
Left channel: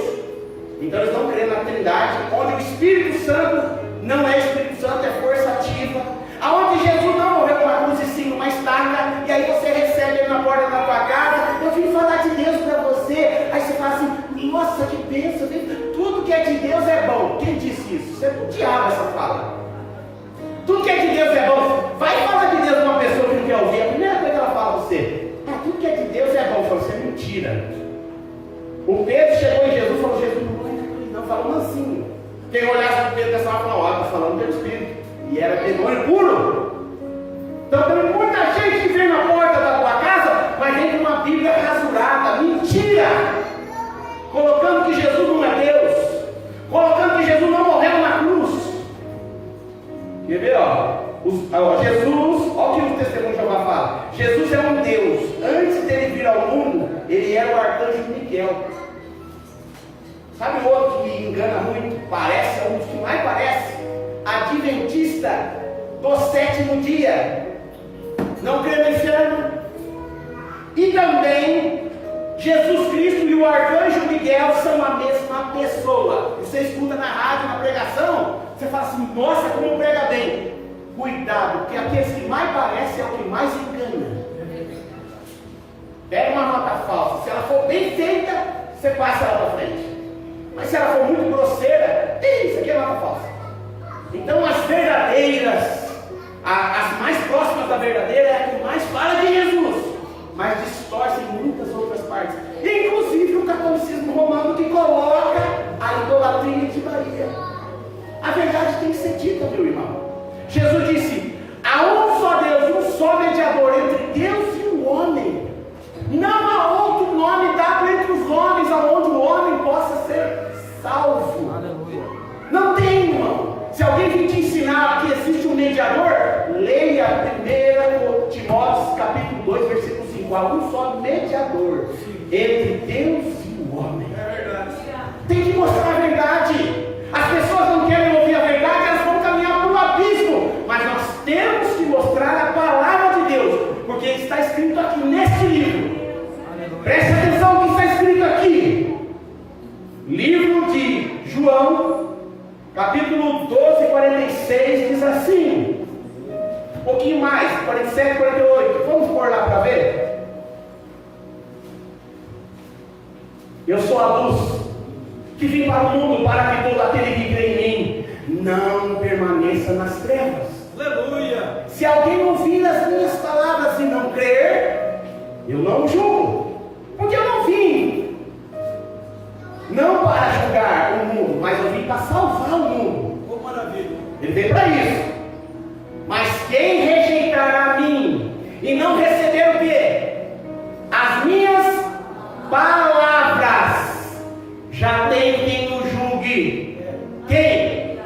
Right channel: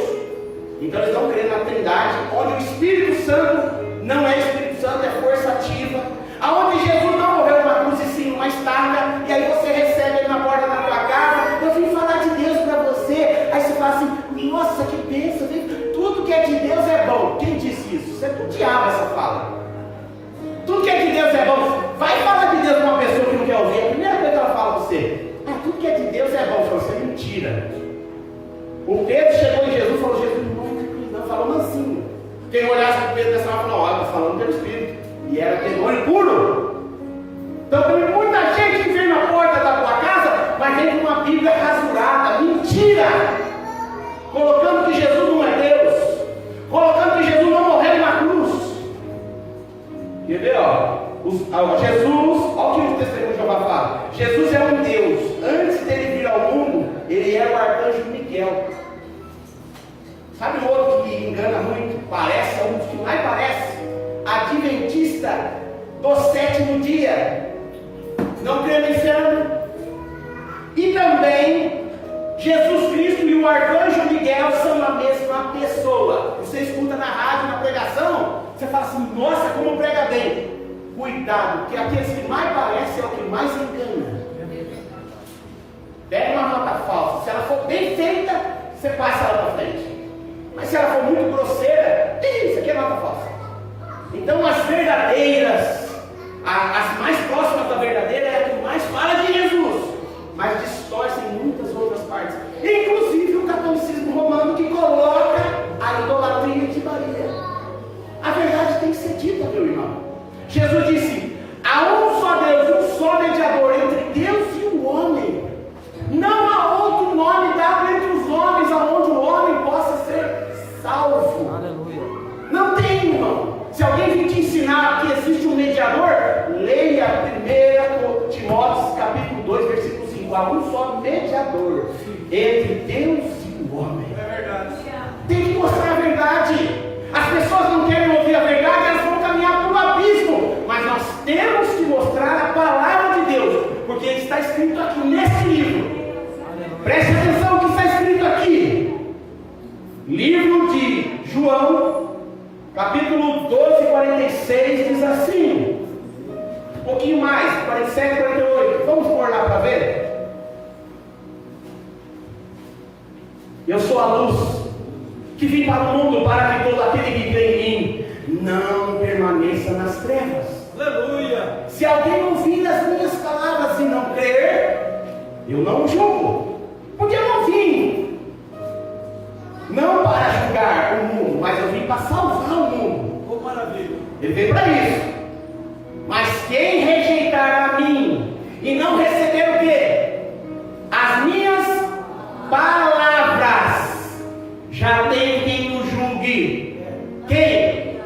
Então eles não creem na Trindade, onde o Espírito Santo não é Espírito Santo, é força ativa, aonde Jesus não morreu numa cruz e sim uma estaca, e aí você recebe ele na porta da tua casa. Eu vim falar de Deus para você, aí você fala assim: nossa, que bênção, tudo que é de Deus é bom. Quem disse isso? Você é o diabo essa fala. Tudo que é de Deus é bom. Vai e fala de Deus com uma pessoa que não quer ouvir. A primeira coisa que ela fala para você: tudo que é de Deus é bom. Você é mentira. O Pedro chegou em Jesus e falou: Jesus, não falou mansinho. Quem olhasse para Pedro dessa forma, olha, está falando pelo Espírito. E era demônio puro. Então tem muita gente que vem na porta da tua casa, mas vem com uma Bíblia rasurada, mentira, colocando que Jesus não é Deus, colocando que Jesus não morreu na cruz. Quer ver, Jesus, olha o que o testemunho de Jeová fala. Jesus é um Deus. Antes dele vir ao mundo, ele era o arcanjo Miguel. Sabe o outro que engana muito? Parece, é um dos que mais parece. Adventista do sétimo dia. Não crê no inferno. E também Jesus Cristo e o arcanjo Miguel são a mesma pessoa. Você escuta na rádio, na pregação, você fala assim: nossa, como prega bem. Cuidado, porque aqueles que mais parecem é o que mais engana. Pega uma nota falsa, se ela for bem feita, você passa ela para frente. Mas se ela for muito grosseira, isso aqui é nota falsa. Então as verdadeiras, as mais próximas da verdadeira é a que mais fala de Jesus, mas distorcem muitas outras partes, inclusive o catolicismo romano, que coloca a idolatria de Maria. A verdade tem que ser dita, meu irmão. Jesus disse: há um só Deus, um só mediador entre Deus e o homem. Não há outro nome dado entre os homens aonde o homem possa ser salvo. Aleluia. Não tem, irmão. Se alguém vir te ensinar que existe um mediador, leia 1 Timóteo capítulo 2, versículo 5. Há um só mediador entre Deus e o homem. Tem que mostrar a verdade. As pessoas não querem ouvir a verdade, elas vão caminhar para o abismo. Mas nós temos que mostrar a palavra de Deus, porque está escrito aqui nesse livro. Preste atenção no que está escrito aqui. Livro de João, capítulo 12, 46, diz assim. Um pouquinho mais, 47, 48. Vamos pôr lá para ver. Eu sou a luz que vim para o mundo, para que todo aquele que crê em mim não permaneça nas trevas. Aleluia. Se alguém ouvir as minhas palavras e não crer, eu não o julgo, porque eu não vim não para julgar o mundo, mas eu vim para salvar o mundo. Oh, maravilha. Ele veio para isso. Mas quem rejeitar a mim e não receber o quê? As minhas palavras, já tem quem o julgue. Quem?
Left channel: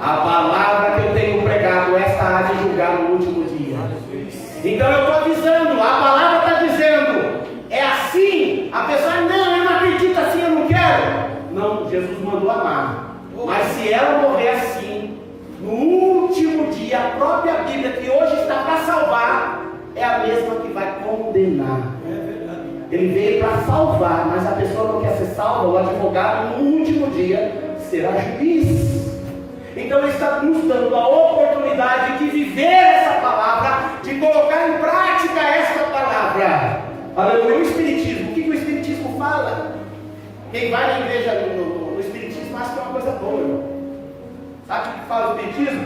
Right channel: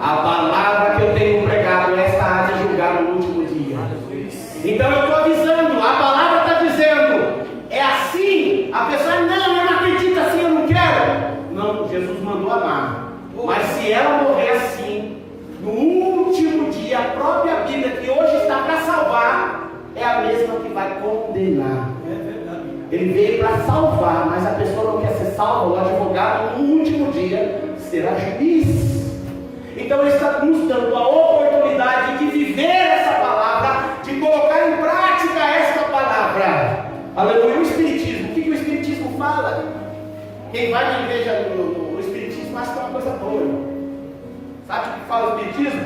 A palavra que eu tenho pregado, esta há de julgar no último dia. Então eu estou avisando, a palavra está dizendo, é assim. A pessoa, não, eu não acredito assim, eu não quero. Não, Jesus mandou amar. Mas se ela morrer assim, no último dia, a própria Bíblia, que hoje está para salvar, é a mesma que vai condenar. Ele veio para salvar, mas a pessoa não quer ser salva. O advogado, no último dia, será juiz. Então ele está nos dando a oportunidade de viver essa palavra, de colocar em prática essa palavra. Aleluia. O Espiritismo, o que o Espiritismo fala? Quem vai na igreja no Espiritismo acha que é uma coisa boa, irmão. Sabe o que fala o Espiritismo?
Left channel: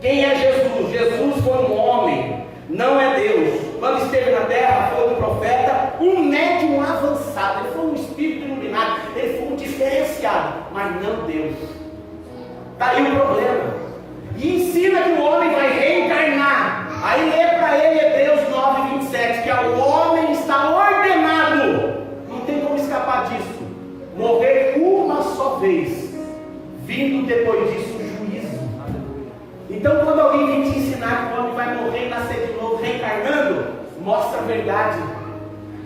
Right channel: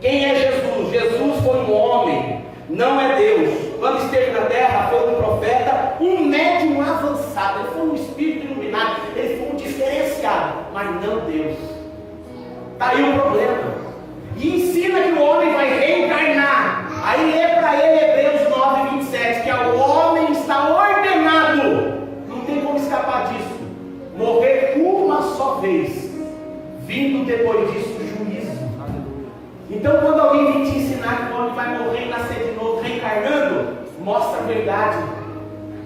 Quem é Jesus? Jesus foi um homem, não é Deus. Quando esteve na terra, foi um profeta, um médium avançado. Ele foi um espírito iluminado, ele foi um diferenciado, mas não Deus. Está aí o problema. E ensina que o homem vai reencarnar. Aí lê para ele Hebreus 9, 27, que o homem está ordenado, não tem como escapar disso, morrer uma só vez, vindo depois disso juízo. Então quando alguém vem te ensinar que o homem vai morrer e nascer de novo, reencarnando, mostra a verdade.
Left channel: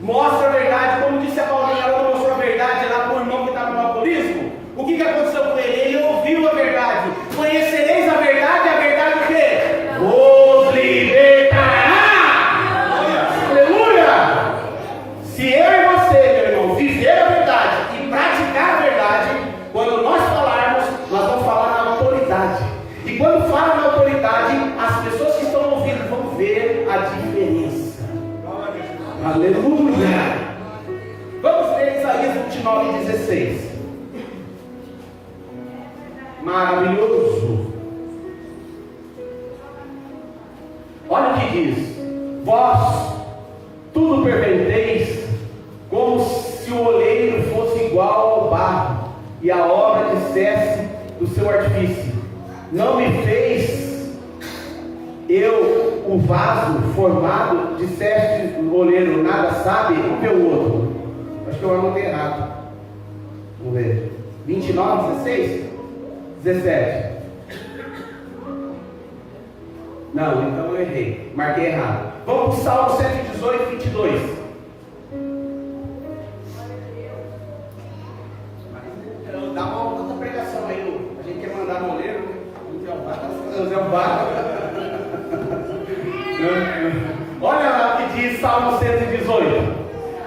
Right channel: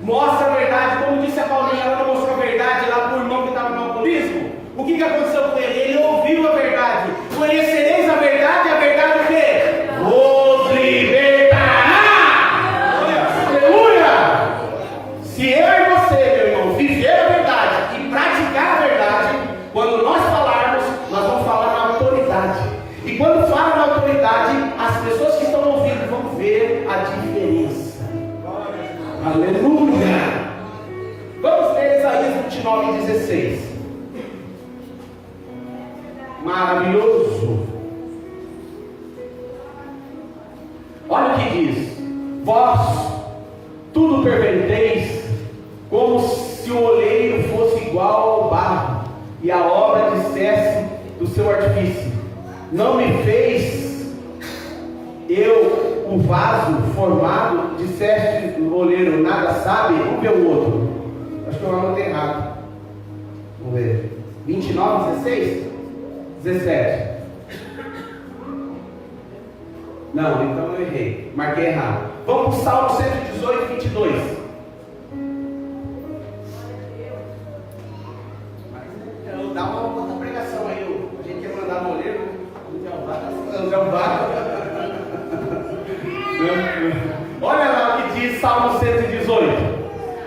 Mostra a verdade. Como disse a Paulinha, ela mostrou a verdade lá para o irmão que estava no alcoolismo. O que aconteceu com ele? Ele ouviu a verdade. Conhecereis a verdade, e a verdade o quê? Vos libertará. Aleluia! Se eu e você, meu irmão, viver a verdade e praticar a verdade, quando nós falarmos, nós vamos falar na autoridade. E quando fala na autoridade, as pessoas que estão ouvindo vão ver a diferença. Aleluia! Vamos ler Isaías 29, 16. Maravilhoso. Olha o que diz: vós tudo perverteis, como se o oleiro fosse igual ao barro, e a obra dissesse do seu artifício: não me fez eu o vaso formado, disseste o oleiro, nada sabe. Vamos ver o outro. Acho que eu anotei errado. Vamos ver. 29, 16? 17. Não, então eu errei. Marquei errado. Vamos para o Salmo 118, 22. Dá uma outra pregação aí. A gente quer mandar no oleiro. O jambá. Olha lá o que diz Salmo 118.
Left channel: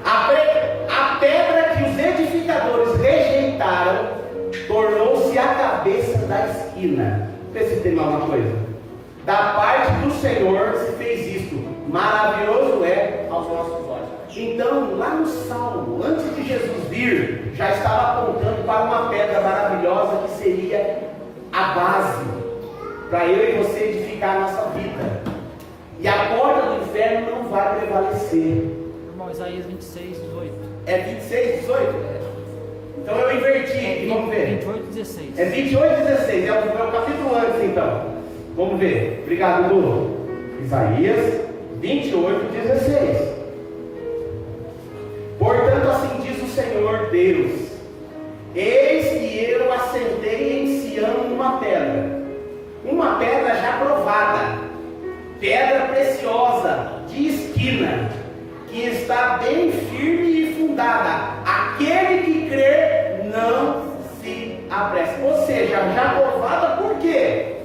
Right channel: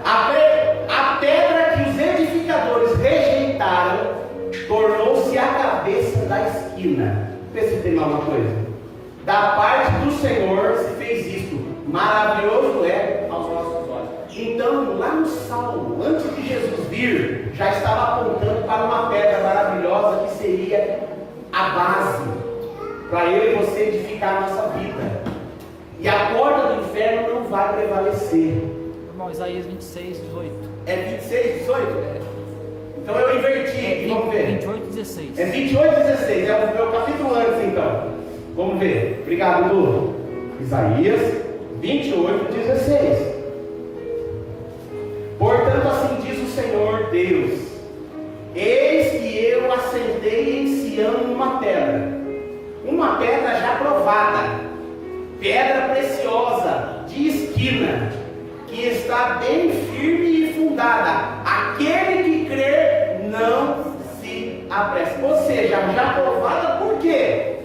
A pedra que os edificadores rejeitaram tornou-se a cabeça da esquina. Pensa se tem alguma coisa. Da parte do Senhor se fez isto. Maravilhoso é aos nossos olhos. Então, lá no Salmo, antes de Jesus vir, já estava apontando para uma pedra maravilhosa que seria a base para eu e você edificar a nossa vida. E a porta do inferno não vai prevalecer. Irmão, Isaías 26, 18. É 26, 18? Então eu inverti, vamos ver. 28, 16. É 28, 16, é o capítulo antes então. Vamos ver. Obrigado, Lu. Isaías 28, 16. Portanto, assim diz o Senhor Deus: eis que eu assentei em Sião uma pedra já provada, pedra preciosa, de esquina, que está bem firme e fundada. Aquele que crer não se apressa. Ou seja, já provada por quê?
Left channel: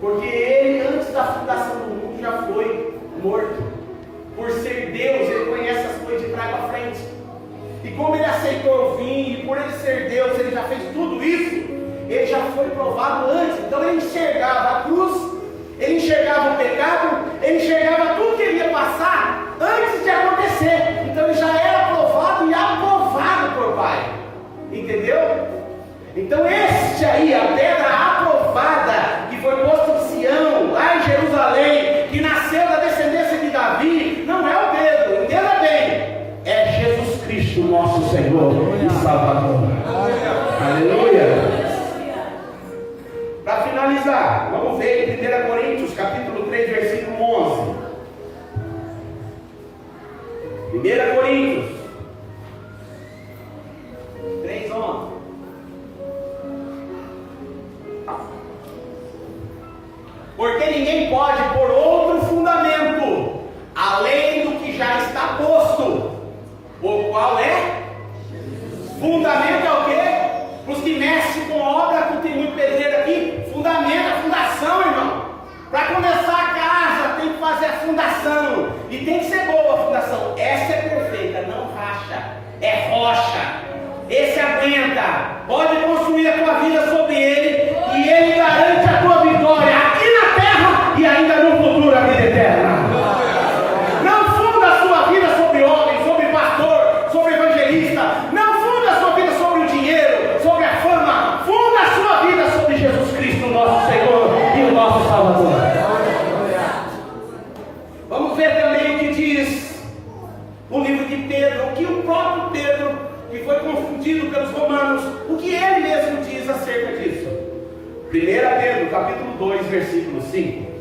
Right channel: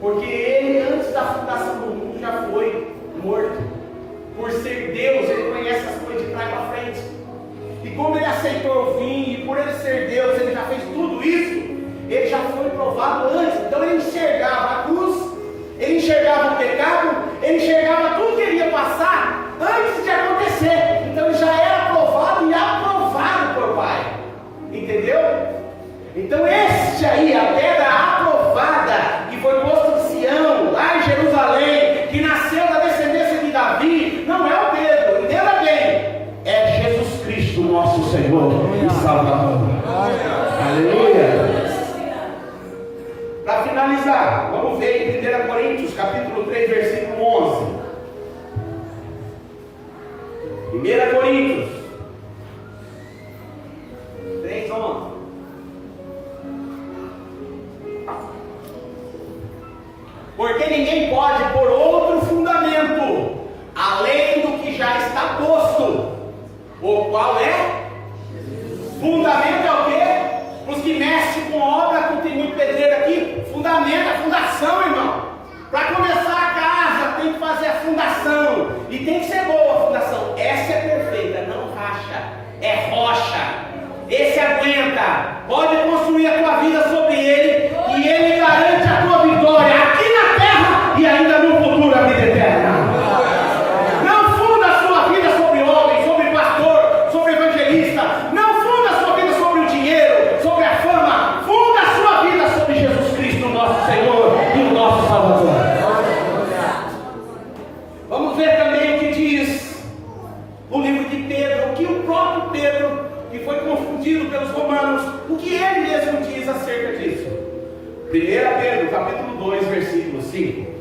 Porque ele, antes da fundação do mundo, já foi morto. Por ser Deus, ele conhece as coisas de trás para frente. E como ele aceitou vir, e por ele ser Deus, ele já fez tudo isso, ele já foi provado antes. Então ele enxergava a cruz, ele enxergava o pecado, ele enxergava tudo que ele ia passar antes de acontecer. Então ele já era provado e aprovado por Pai. Entendeu? Então este aí, a pedra aprovada, que foi posto em Sião, lá em Jerusalém, que nasceu da descendência de Davi, não é o Pedro, entenda bem, é Jesus Cristo, nosso Senhor e Salvador. Aleluia. Para finalizar, vamos ver em 1 Coríntios, capítulo 3, versículo 11. 1 Coríntios 3, 11. Porque ninguém pode pôr outro fundamento além do que já está posto, o qual é? Fundamento é o quê? Para os que mexem com obra, que tem muito pedreiro aqui, fundamento, a fundação, irmão. Para começar a casa, tem que fazer a fundação, e tem que ser boa a fundação. Essa é perfeita, não racha, é rocha. Esse aguenta, pode construir a tua vida sobre ele, e ele garante a tua vitória aqui na terra e ainda no futuro a vida eterna. Não funda a sua vida sobre homem, sobre pastor, sobre evangelista. Não funda a sua vida sobre o dinheiro, sobre a fama. Funda a sua vida sobre Jesus Cristo, nosso Senhor e o nosso Salvador. Vamos ver também o que diz o livro de Pedro, o que o próprio Pedro, que foi confundido pelos romanos, o que ele mesmo diz acerca disso. 1 Pedro, capítulo 2, versículo 5.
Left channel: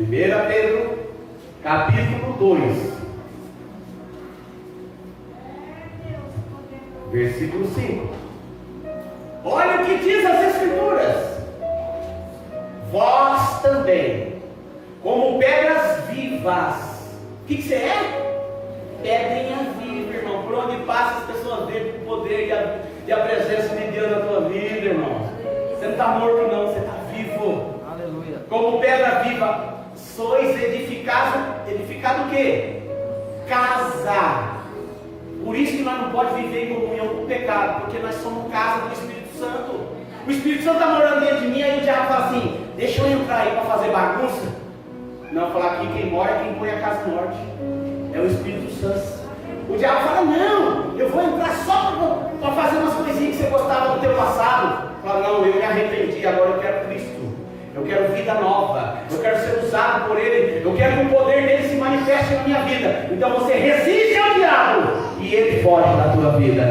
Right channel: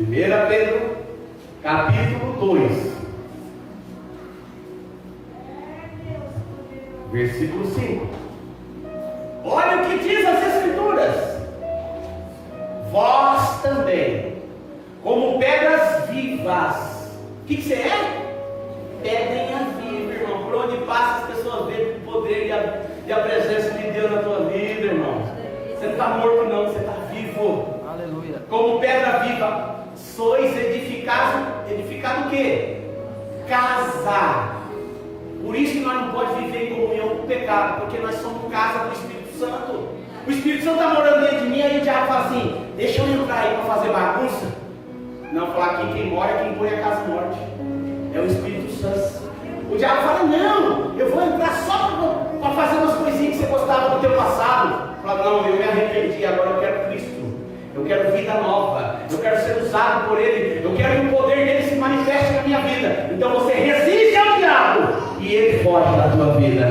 1 Pedro, capítulo 2, versículo 5. Olha o que diz as Escrituras: vós também, como pedras vivas. O que você é? Pedrinha viva, irmão. Por onde passa as pessoas veem o poder e a presença de Deus na tua vida, irmão. Você não está morto não, você está vivo. Aleluia. Como pedra viva, sois edificado o quê? Casa. Por isso que nós não podemos viver em comunhão com o pecado, porque nós somos casa do Espírito Santo. O Espírito Santo está morando dentro de mim, aí o diabo fala assim: deixa eu entrar aí para fazer bagunça. Não, falar aqui quem mora é quem põe a casa morte. É o Espírito Santo. O diabo fala: não, eu vou entrar só para fazer umas coisinhas que você gostava do teu passado. Fala: não, eu me arrependi, agora eu quero Cristo. Eu quero vida nova. Eu quero ser usado por Ele. Eu quero que o poder dele se manifeste na minha vida. Então você resiste ao diabo e ele foge da tua vida.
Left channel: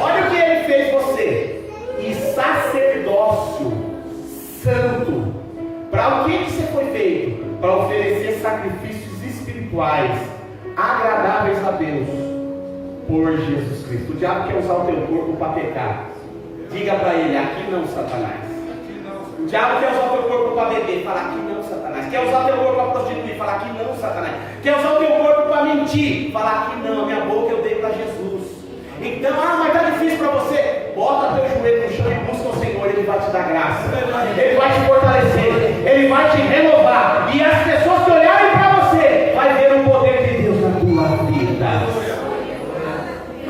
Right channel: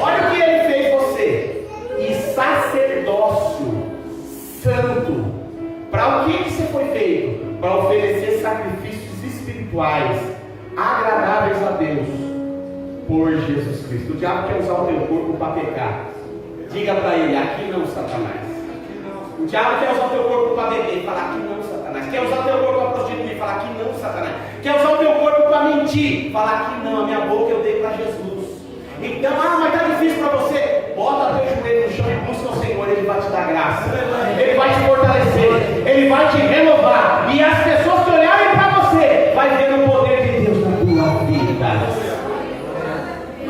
Olha o que ele fez você. E sacerdócio santo. Para o que você foi feito? Para oferecer sacrifícios espirituais agradáveis a Deus por Jesus Cristo. O diabo quer usar o teu corpo para pecar. Diga para ele: aqui não, Satanás. O diabo quer usar o teu corpo para beber. Fala: aqui não, Satanás. Quer usar o teu corpo para prostituir. Fala: aqui não, Satanás. Quer usar o teu corpo para mentir. Fala: aqui não, a minha boca eu dei para Jesus. Então, mas está difícil para você. Bota teu joelho no chão e busca o Senhor, Ele vai te te dar graça, Ele vai te fortalecer, Ele vai te renovar. E as pessoas que olharem para você, vai ver o poder de Deus na tua vida.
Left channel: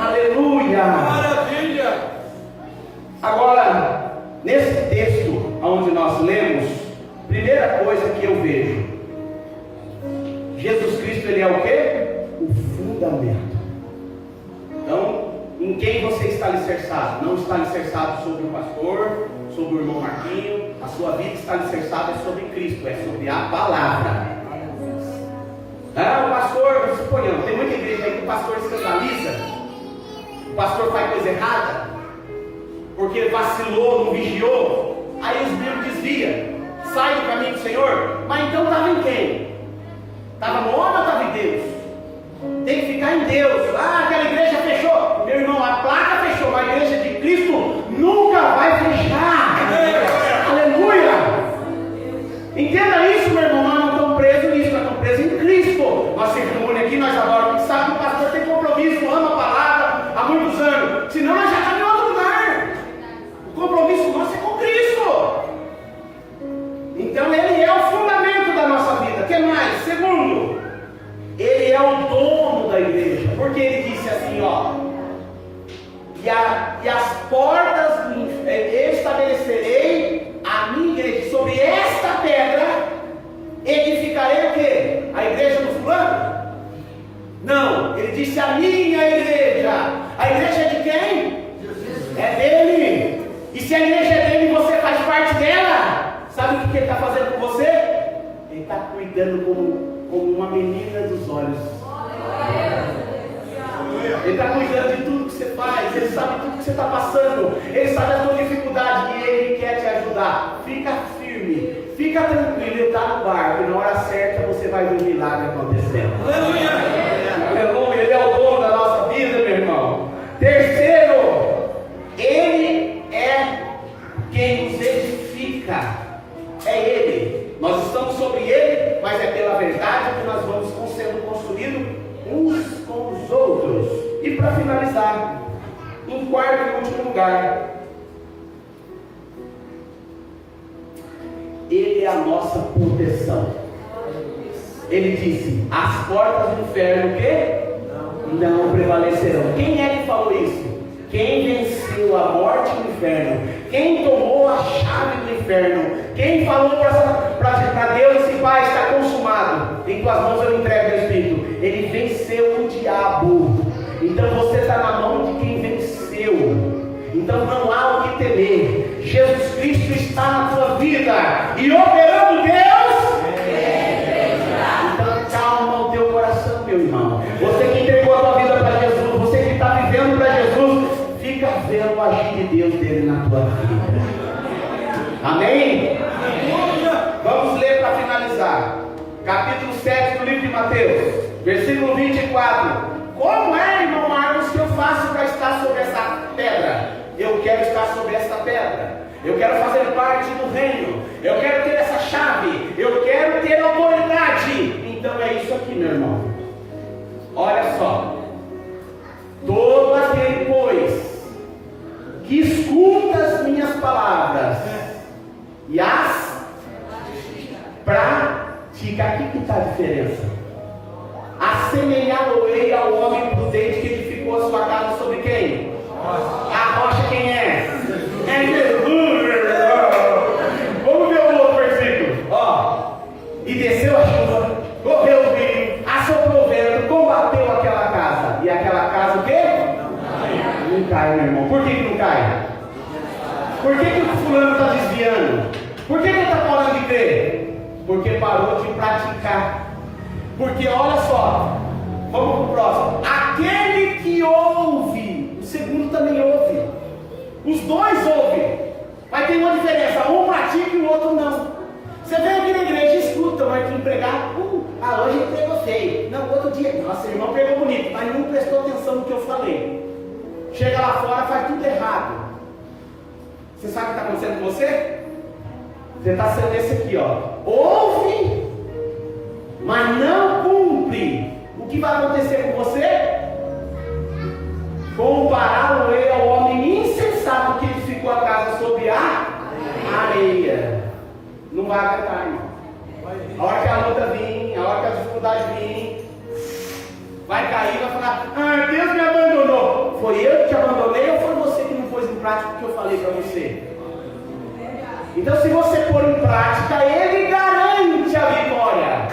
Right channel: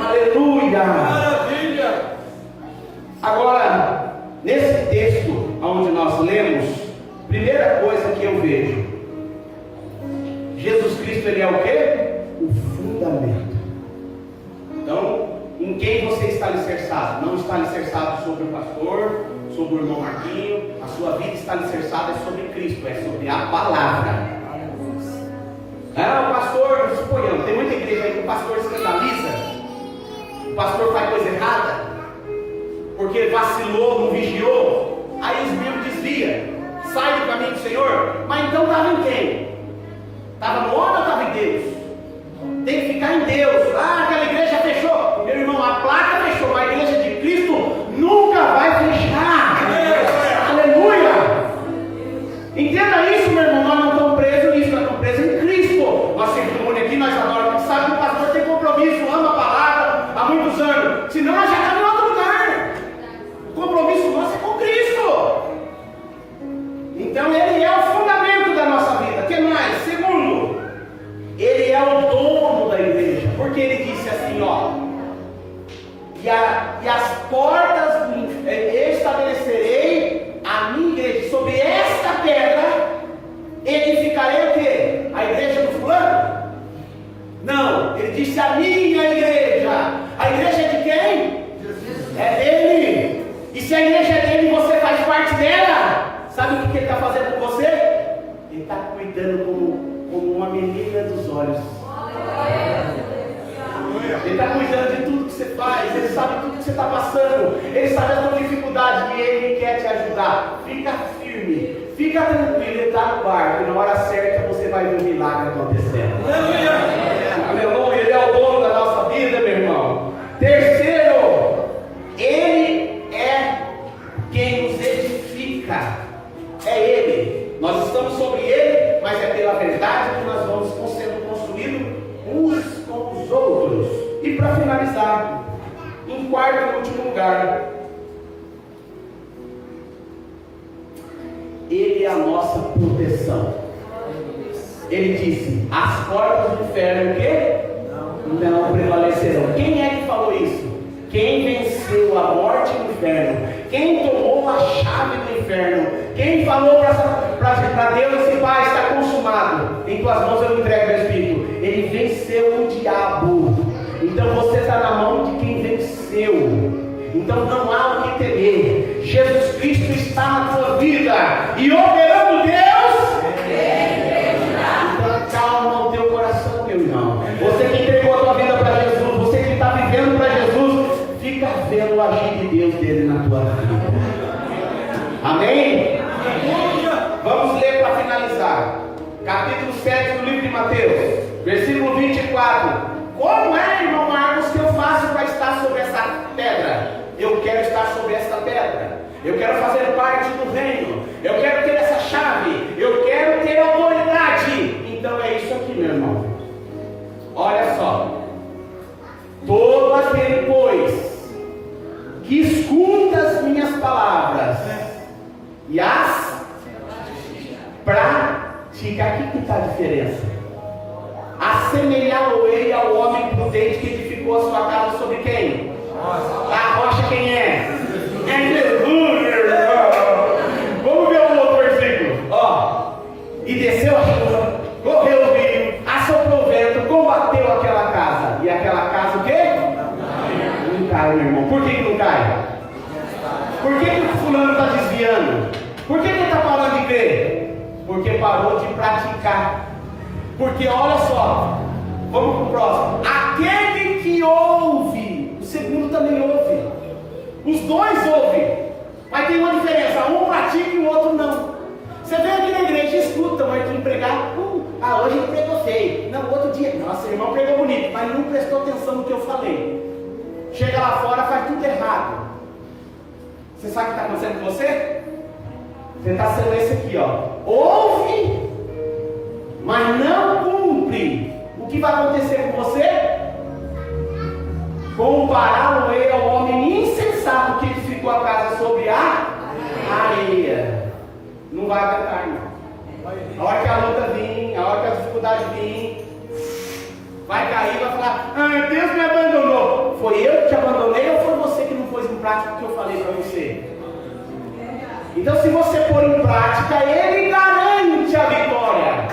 Aleluia! Maravilha! Agora, nesse texto onde nós lemos, primeira coisa que eu vejo, Jesus Cristo, Ele é o quê? O fundamento. Então, em quem você está alicerçado? Não está alicerçado sobre o pastor, sobre o irmão Marquinho. A sua vida está alicerçada sobre Cristo, é sobre a palavra. O pastor, suponhamos, tem muita igreja aí que o pastor escandaliza, o pastor faz coisa errada, porque vacilou, não vigiou, aí os membros desviam, sai do caminho do Senhor. Mas então estava em quem? Estava no homem ou estava em Deus? Tem que ficar em Deus. Aquela igreja fechou. Meu irmão, a placa fechou, mas a igreja de Cristo nunca vai fechar. Aleluia! Entenda isso, meu irmão. Nós não estamos presos nisso, nós estamos presos em Cristo. Nós se reúne aqui, nós adoramos, sabe que o pastor tem compromisso, ama a palavra há muitos anos. Senão nós já estamos em outro lugar. O compromisso nosso é com Cristo. Então Ele é o fundamento da nossa vida. O que mais? Segundo, Ele é o dono da igreja, porque Ele disse assim, e as portas do inferno, eu estabelecerei a minha igreja, sobre esta pedra edificarei o quê? A igreja do fulano? Não, Ele disse a minha igreja. A igreja é de quem? É dele. E se a igreja é dele e você faz parte dela, sabe o que Ele está fazendo com você? Ele está cuidando como uma menina dos olhos. Ele está cuidando de tudo que você faz. Ele sabe tudo que você está passando. Ele sabe a tua dificuldade e Ele quer te ajudar. Fica firme, fica tranquilo. Ele está no barco e na hora certa você vai ver o milagre acontecendo. Aleluia! Ele é o dono da nossa vida, meu irmão. Terceiro, Ele é quem nos edifica. É Ele. Nós estamos sobre Ele, mas é pela verdade que nós vamos sendo construídos uns com os outros. E para finalizar, em quarto e último lugar, Ele é a nossa proteção. Ele disse: as portas do inferno o quê? Não prevalecerão. Quem é que falou isso? Quem venceu a morte no inferno? Quem tomou a chave do inferno? Quem falou para Deus assim: Pai, está consumado, em tuas mãos eu entrego o Espírito? Ele venceu o diabo. Então você está na mão de quem venceu. Então não há o que temer. Jesus Cristo está na tua vida e operando Deus. Então calma o teu coração, meu irmão. Você que entregou a tua vida para Jesus, você que está vivendo para Jesus, fica vendo o agir de Deus dele na tua vida. Amém? Vamos ler para finalizar. Capítulo 7 do livro de Mateus, versículo 24. Como é, irmão Marcos, que eu faço para estar sobre essa pedra? Eu quero estar sobre essa pedra. Eu quero fazer parte do reino. Eu quero ter essa chave. Eu quero ter autoridade. Então é isso aqui, meu irmão. Olha só. Todo aquele, pois, que escuta as minhas palavras e as pratica. Aqui que está a diferença. Assemelhá-lo-ei ao homem prudente que edificou a sua casa sobre quem? A rocha quem é? É Jesus. Vamos ver o outro versículo. E desceu a chuva, correu o rio, assoprou o vento, combateu aquela casa. E aquela casa o quê? Não cai, meu irmão. Por que não cai? Por que o fulano está desviando? Por que ele está falando de crer? Porque parou de praticar. Porque olha só, vamos para o próximo. Aquele que ouve, o segundo também ouve. Os dois ouvem, mas tem uma diferença: um pratica e o outro não. Você vem aqui na igreja e escuta, mas que pregar, hoje ele pregou feio. Não, outro dia, nossa, irmão pregou bonito, mas não prestou atenção no que eu falei. Chega lá fora, faz tudo errado. Você sabe o que está acontecendo com você? Você está sendo esse aqui, ouve, mas não cumpre. O que vai acontecer com você? Compará-lo ao homem insensato que edificou a casa sobre a vai aguentar, irmão. A hora que a luta vir, a hora que a dificuldade vir, vai cair, vai falar: ah, Deus me abandonou. Foi eu que te abandonei ou foi você que não pôs em prática o que eu falei para você? Então, se você pôr em prática, Ele garante a vitória.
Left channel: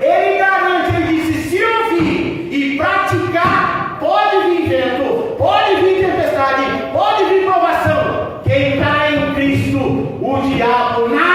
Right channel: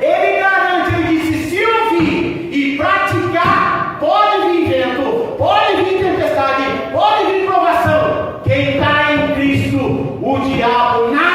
Ele garante, Ele disse: se ouvir e praticar, pode vir vento, pode vir tempestade, pode vir provação. Quem está em Cristo, o diabo nada